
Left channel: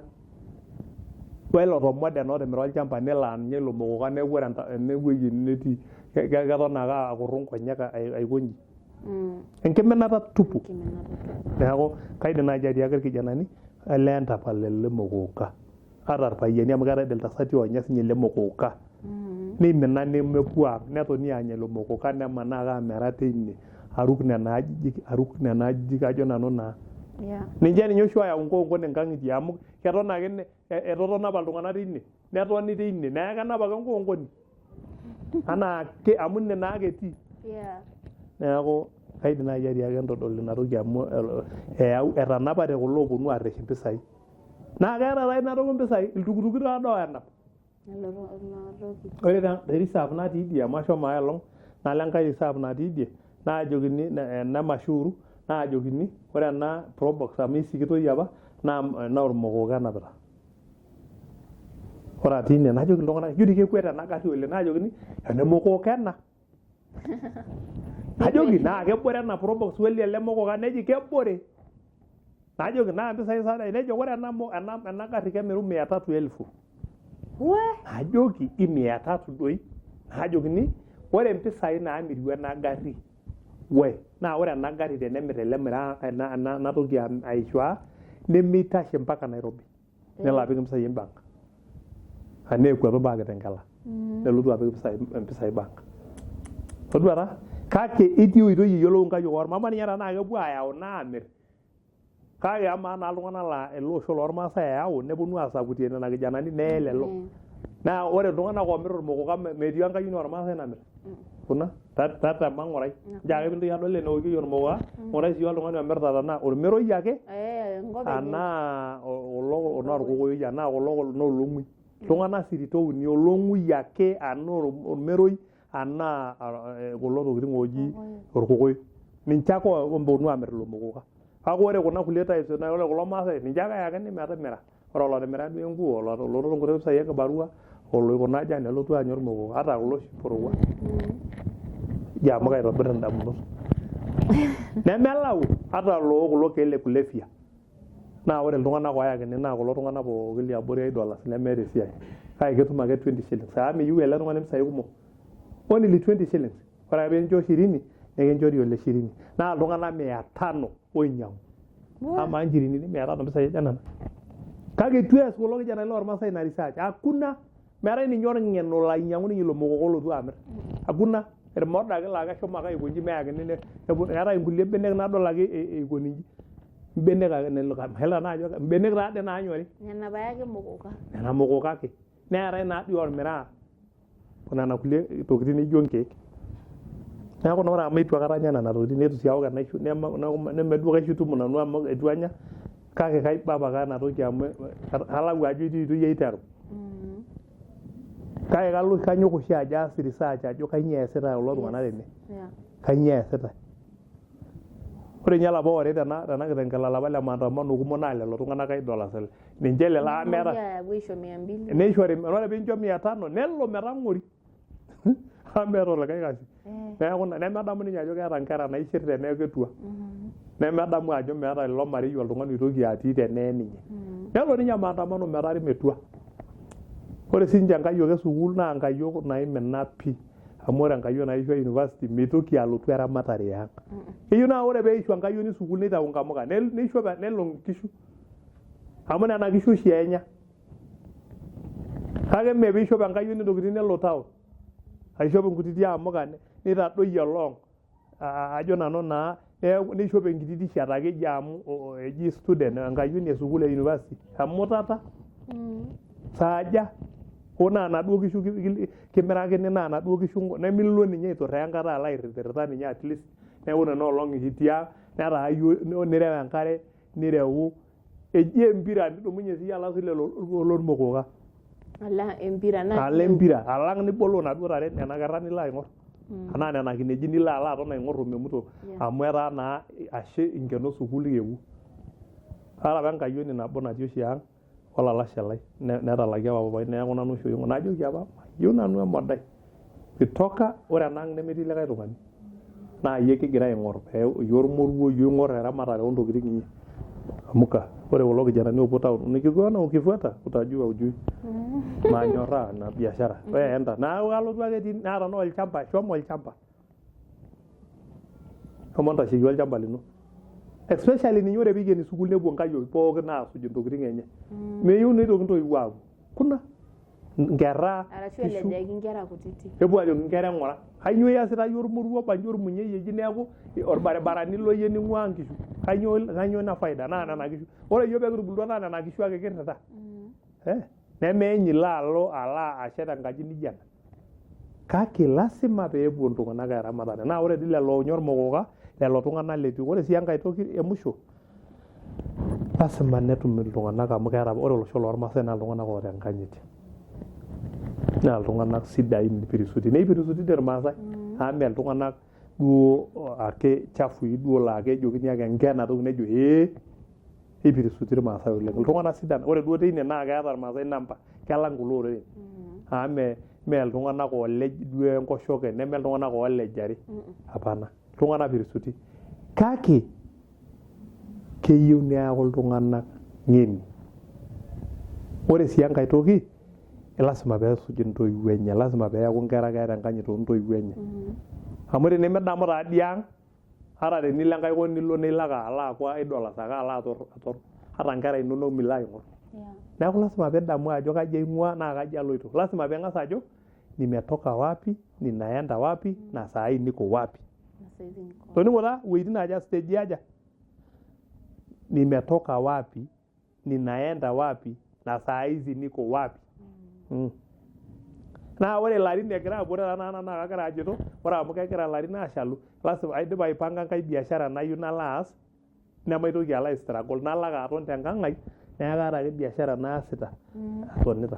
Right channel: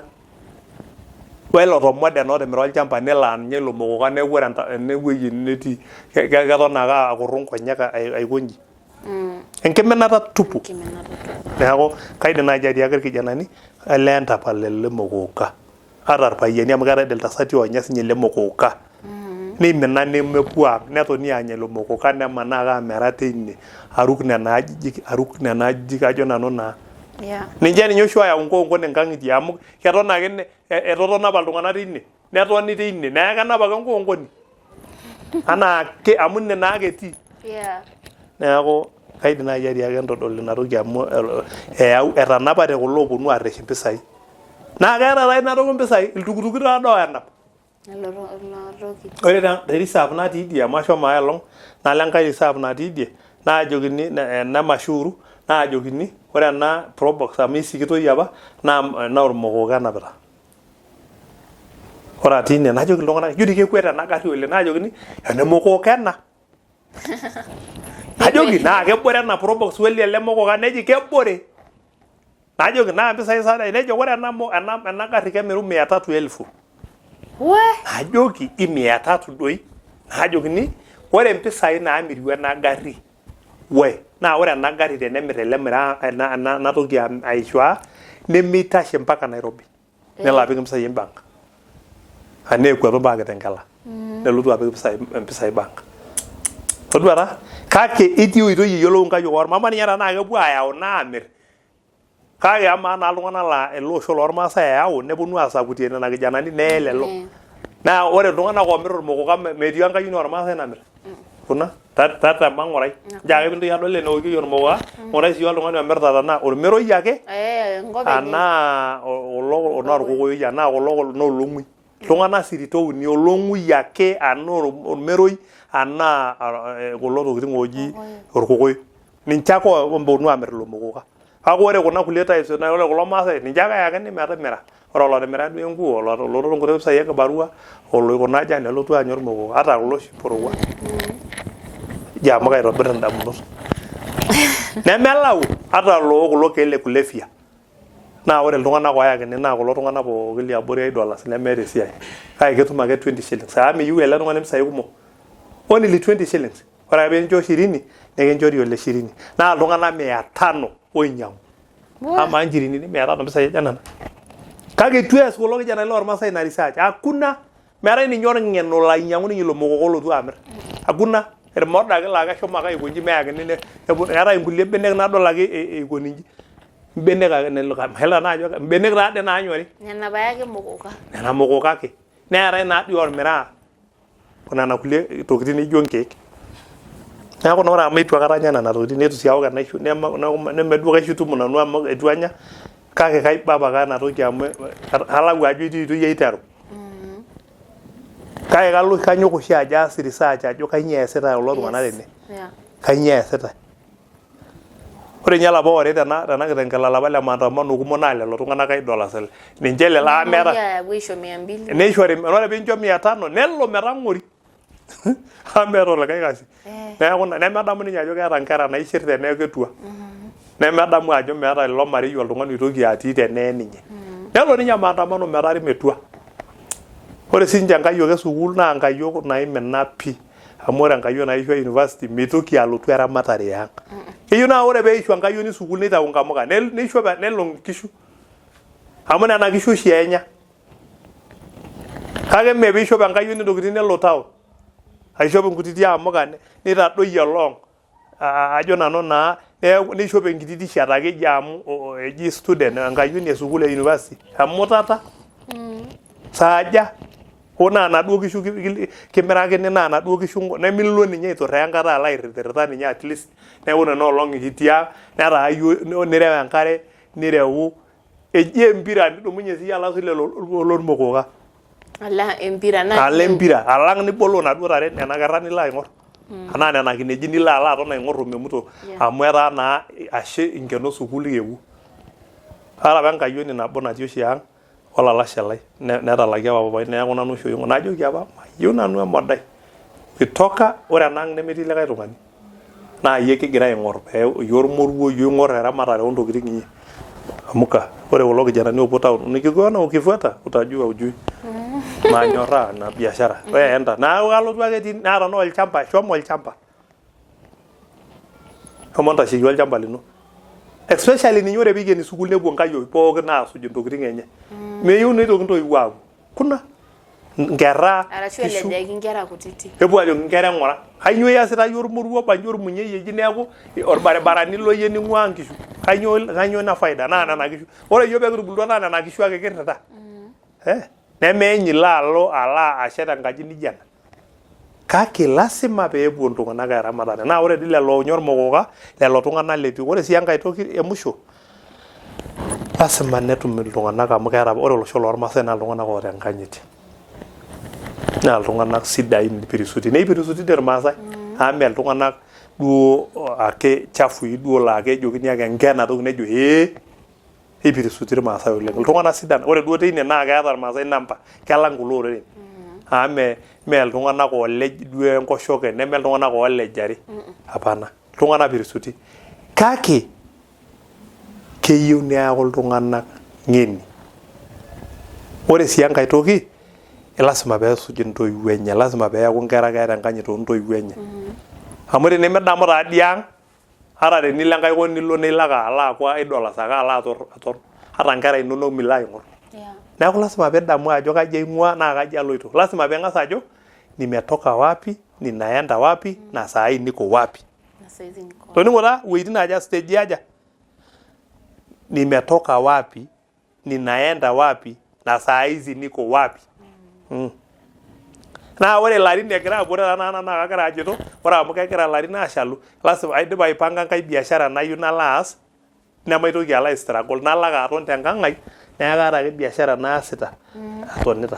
welo tomoden otimira olchamba nelo anya ilo mokoka neeku ore enewueji netii keton ake akurru nkonyek aikonji enkiminata tupu neeku kaidim naaji atiaki irkijanani elee entapal ele mokoka ata irpayiani amu keetai iltasati oonya sinye ele mokoka neimina nemepuo ang netoni anya ilo mokoka nemanaa ake amera teine aruk nena ajijik ajo nanu naa ninye oshi oyau nkoonkon enkang'itie amu keton ake etotona apa iltung'anak teine netoni teine neeku kenap ake nkoonkoni anaa amu ine naa ake etii neeku kaidim naaji atiaki entodol ina toki amu etanapate kulo ooponu aarresh impisai naa keeta taa ina toki impisai iltukutuki taadoo enap ore te reserve natii idie amu ashomo aelong nalo enkae reserve natii idie naajokini ena mashuuru naajokini ore ena probox amu isikitoi apa naa ormokoka enapita ore atii ine najoki iltung'anak ijo dii kekwet ena gari oleng naajokini ene mokoka ena najoki naa kebore ena probox weli ele mokoka neji kebore najoki naa mpisai sadai nejo ore ena gari kemiru 300,000 najoki 300 doi najokini ore mpisai naamiru ena gari naa ore ena gari tenemir ele mira ena toki aishwa nemeitashe mpaka Nairobi nelo apik mpisai bank aneekwatu mpaka Kitengela nelotu apik mpisai bank toduata kake itii oitoi iyiolou nkayiok ormama ninye tenaa kepuo ayau naamir kake amaa naa iltung'anak laa ele osho lormaasai eyau neponu aasakutie nena kijanani neelelo naa ore iltung'anak oomir ormokoka metii enkayioni ormaasai namir kuna tatama ng'urai njo ake pintoki adol eneokieki ormokoka ng'urai sii oltung'ani omirta tenaa ormeroi ake anaa orkokoyoi anaa kulo noolong'ui iltung'anak siritouni olong'ui ake anaa ormeroi anaa kulo tokitin ooji orkokoyo ninche ake omponu aamir ilo mokoka kake ore kuna kulie types ore kulo maasai ninche ake eyakini metimira ore olotimira duo enkuo oloto nkuti pisai ekibarua oloikuna jana nelotu anya ormokoka ata kulo shiporowa ijo amu kaitobir indamunot nemelau ata kulo keek le kulefya naa ore iltung'anak oyakini naa kulo tung'anak pookin liabori $8 nemeeta esiai kake ketum ake 20 shillings meyieu ele tung'ani mpisai kumok only 20 shillings ore ake pincho 20 nikinchori ole 20 naa iltung'anak 500 oinyang'u ama nchirinini 500 mpisai aja nana kake itu eas kulo kijanani lormasai ina research hakuna meetai ninye orng'eno lainyang'u ninye ilo mokoko lotu amir hakuna irmoda ake laa keshomo ake aikonji meyakini eetai inkulie benek nadol ake eikoni inji mbenek ake hela naajo mbenek taade naanyori nena bayake mokoka nena mokoka ake neetai naadii ormiraa kuna kulie tokitin nijo nkeek neeku ore amu itu akata anya nena tokitin netu sii awok enaisho nemeduo kaishutumu nanu amu itu anya kake kaibaba ake ena toki amu kalau ajo itu yie iteru kake kanyok oshi ajo aas research ajo kanyio eesita kulo tung'anak tene kanyio eesita ore nye olapa ore tena kitengela olapa le maandamano kumok naa lelo tung'anak $8 ninche lelo meeta neishori ore pincho 500 nelo metang'ori amu meeta olikae kasi neeku nemedamu ninye ajo keeta nkera naishir teneeku ketua nemedamu ajo meeta ilo marei oltung'ani oitoki atii tenee ninye nelo ninye maandamano metari metua ore sinche nkayiok esukuul naa nkayiok naimina pii amu ore nkayiok naishua university mitoki alotu eramatare yang keyieu naa ore peishua nkayioni sukuul nitau nkamuka neishua nelo nkishu amu nena kishu oshi enya kake mee peishop enkayioni ntokitin nelo tao aishop nkutiti amuka nitadoyio long ajo nanu naa neishop enkiti t-shirt ake eji amu eji student enkayioni esukuul e university amu tata saaja ona naduo kishu kimirakini naa naduo kishu nemilo ninye aiturraa enkata ala airririta ninye at least neeku nena olong ikitia netaa ayieu nirew enkare nirewu eji empira nidumunye sii ala lelo olormokoka ala empira na ala empira alang nibolo naduo tare nena kerra nilo aing'or anaa nena kineji nilo ala aton aing'or omemuto amu etaa naa ashe inkeno sukuul kewu ara apa enkayioni nabo natii oshi ang olalashe lai netalaki apa papai neeku nanu oshi oing'or najoki apa mayieu nanu emodai itoka ore enang nemetii likae tung'ani naa yie kigira aing'or yie ormoruo yie oing'or eramatare ontokitin inyi amuka ore kulo kijanani opuo town nikikuona ukifuata utajua ujui manyoraa na biashara wewe enda na kalotu ake etii naata no olchamba shomo olchamba shomo ntashiki olchamba lino especially ninye ore piikeni sukuul nepuo nkayiok pookin naasuj ntokitin enye meyieu nitoki ntoiwuo aaku kuna nkera arashu elejaki nkera kutiti epuo ajo nkera ng'ora kanyio iasita yie ormoruo banyo ormunyei eji neeku orbaribarani loyie ning'ua nkishu kanyio na faida naa nena kishu ore yie pekitubulua naa nena kishu ake kirrita nemeenyi laalo ala ashet enkaji nijo ena kake lasima peepuo iltung'anak eramatare naa ore dii lelo onyor mokoka lelo tung'anak lepi ore sii enkae toki emusho lasima netum iltung'anak amu keeta ore olosho lormasai naa iltung'anak oota enkanyit naa iltung'anak sidain pirisuti neipirisuti irmaasai amu iltung'anak duo ake chafui duo laa kejokini ake nkena toki nejo ipirisuti irmaasai oleng iltung'anak sidan ore duo teine naa keeta irmaasai namba kelang kulo oreren amu mee iltung'anak olej duo enkoshoke neme iltung'anak olejari hapana iltung'anak pirisuti kake keyieu neaku iltung'anak ng'eni ore sii enkae toki lasima peesuj intoiwuo enye lasima peeku nkera keeta enkanyit oontoiwuo enye amu tenemidamu taadii ang ata tenilo enkae kop nilo ake ala aku $8 ake ala ator ata nkera inonok milo aing'or neeku lasima pidamu ajo kaji aing'ua naa kaji aloito lasima piing'as ajo nimetoka wapi ninaenda wapi na saa hii niko wapi toning'o taa wueitin aja stage aja nimetoka wapi ninaenda wapi na saa hizi niko wapi naa ore larin egira apuo naa kagira ajito ore amu kegira larin ashalu lasima aidip aipanga enkae biashara nayieu nalo aas nemaitoki alo struggle nalo ake aton tenkang ai neeku kaata ake biashara naasita atonita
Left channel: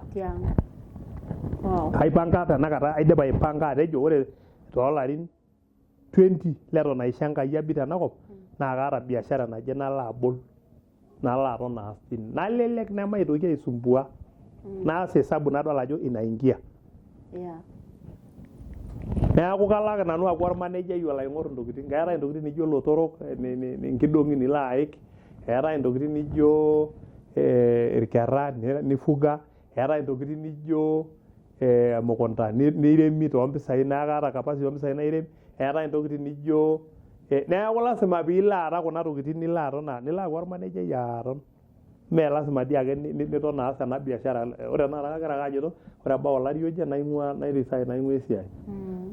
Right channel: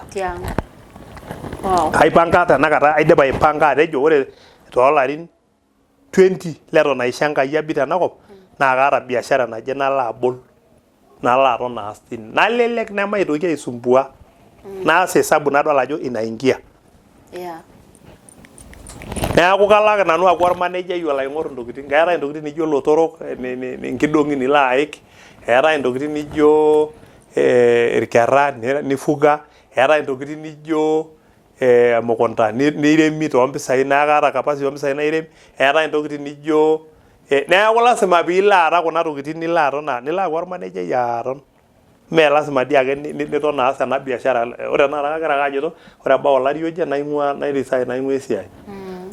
kaipanga tenakata aidip aipanga atejo ore toolarin 20 leton aisho Enkai abik tenakop naa kaata biashara naje nalo abol nalo aton aas tine nalelek nemaitoki aisumbua naas hesabu nadol ajo inaingia neeku kalak nanu aku ormanejai olo aing'or ntokitin keetai ntokitin nijo lotorok nkidong'i nilo aik eetae intokitin nijo irkera nifuga, eetae intokitin nijo emukunta niremi toompisai naa kaata capacity oompisai nairem, eetae intokitin nijo neeku lasima piilo aata kuna tokitin nilo aton nilo aaku ormanejai aton. Mee lasima dii ake niton aas ena biashara. Ore tenakata kagira ake ajoito ore ebau olari oje nairesign naing'ua esiai.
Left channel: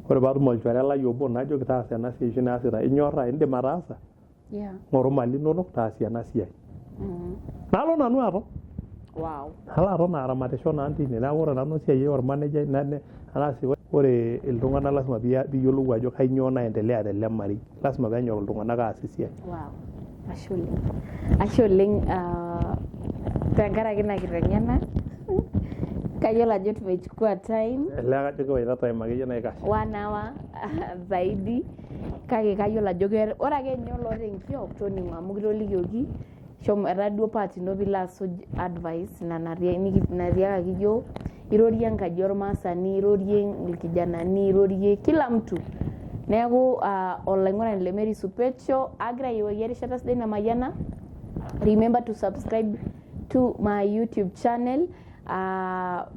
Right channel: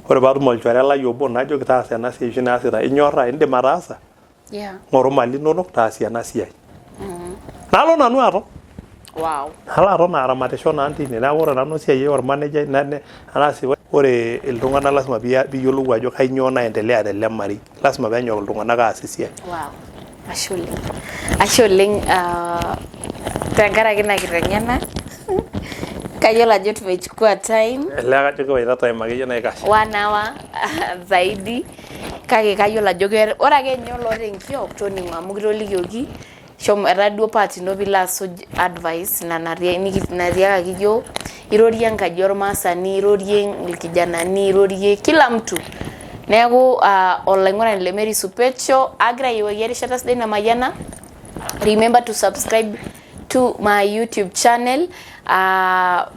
Ore paatum olchore lai obo najoki taasa ena siai oshi naasita, inyorraa indim ataasa? Ng'oru mali inonok taasie ena siai. Nalo nanu aton. Nalo aton aramatisho naa tine. Neeku ore nanu esiai ormanejai ore iltung'anak lasima piiyiolou ajo kainyoo naendelea tele marei. Lasima peenyok iltung'anak aas esiai. Ashe oleng tenkaraki ina kiteng'ena. Kayiolo ajo tumechukua time. Ele kajo kiwaita time akeyie naikash. 1 hour zaidi. Kake kayiolo ajo ore ake ninye oloota enkiok toning'o amu kitolikioki shomo etaa duo part ino piilo asuj advice natiakaki yiok, irorie enkaji ormaasani, irorie irkijanani, irorie kila mtu. Neeku olaing'urani le Mary Supet agira ayiewaki erishata sidai namayiana. Remember to subscribe to my YouTube channel.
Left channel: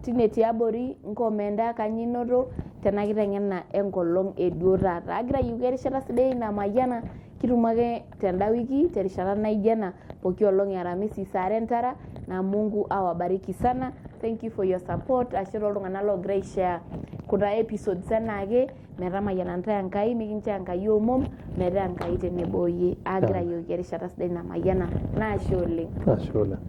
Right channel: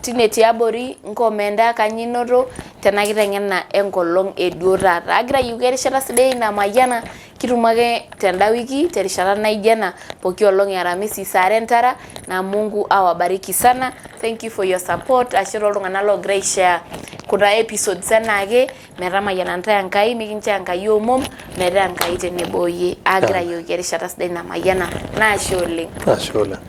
Tine tiabori nkomenda kanyinoto tena kiteng'ena enkolong eduo taata. Agira ayiewaki erishata sidai namayiana kitumo ake tenda wiki terishata naijo ena pooki olong e Aramisi saa 2 entara na Mungu awabariki sana. Thank you for your support. Ashe tooltung'anak loogira aishare kuna episodes enaake metamayiana ntae Enkai mikincho Enkai omom metaa Enkai tenebo oyie. Agira ayiewaki erishata sidai namayiana. Naashe oleng. Ashe oleng.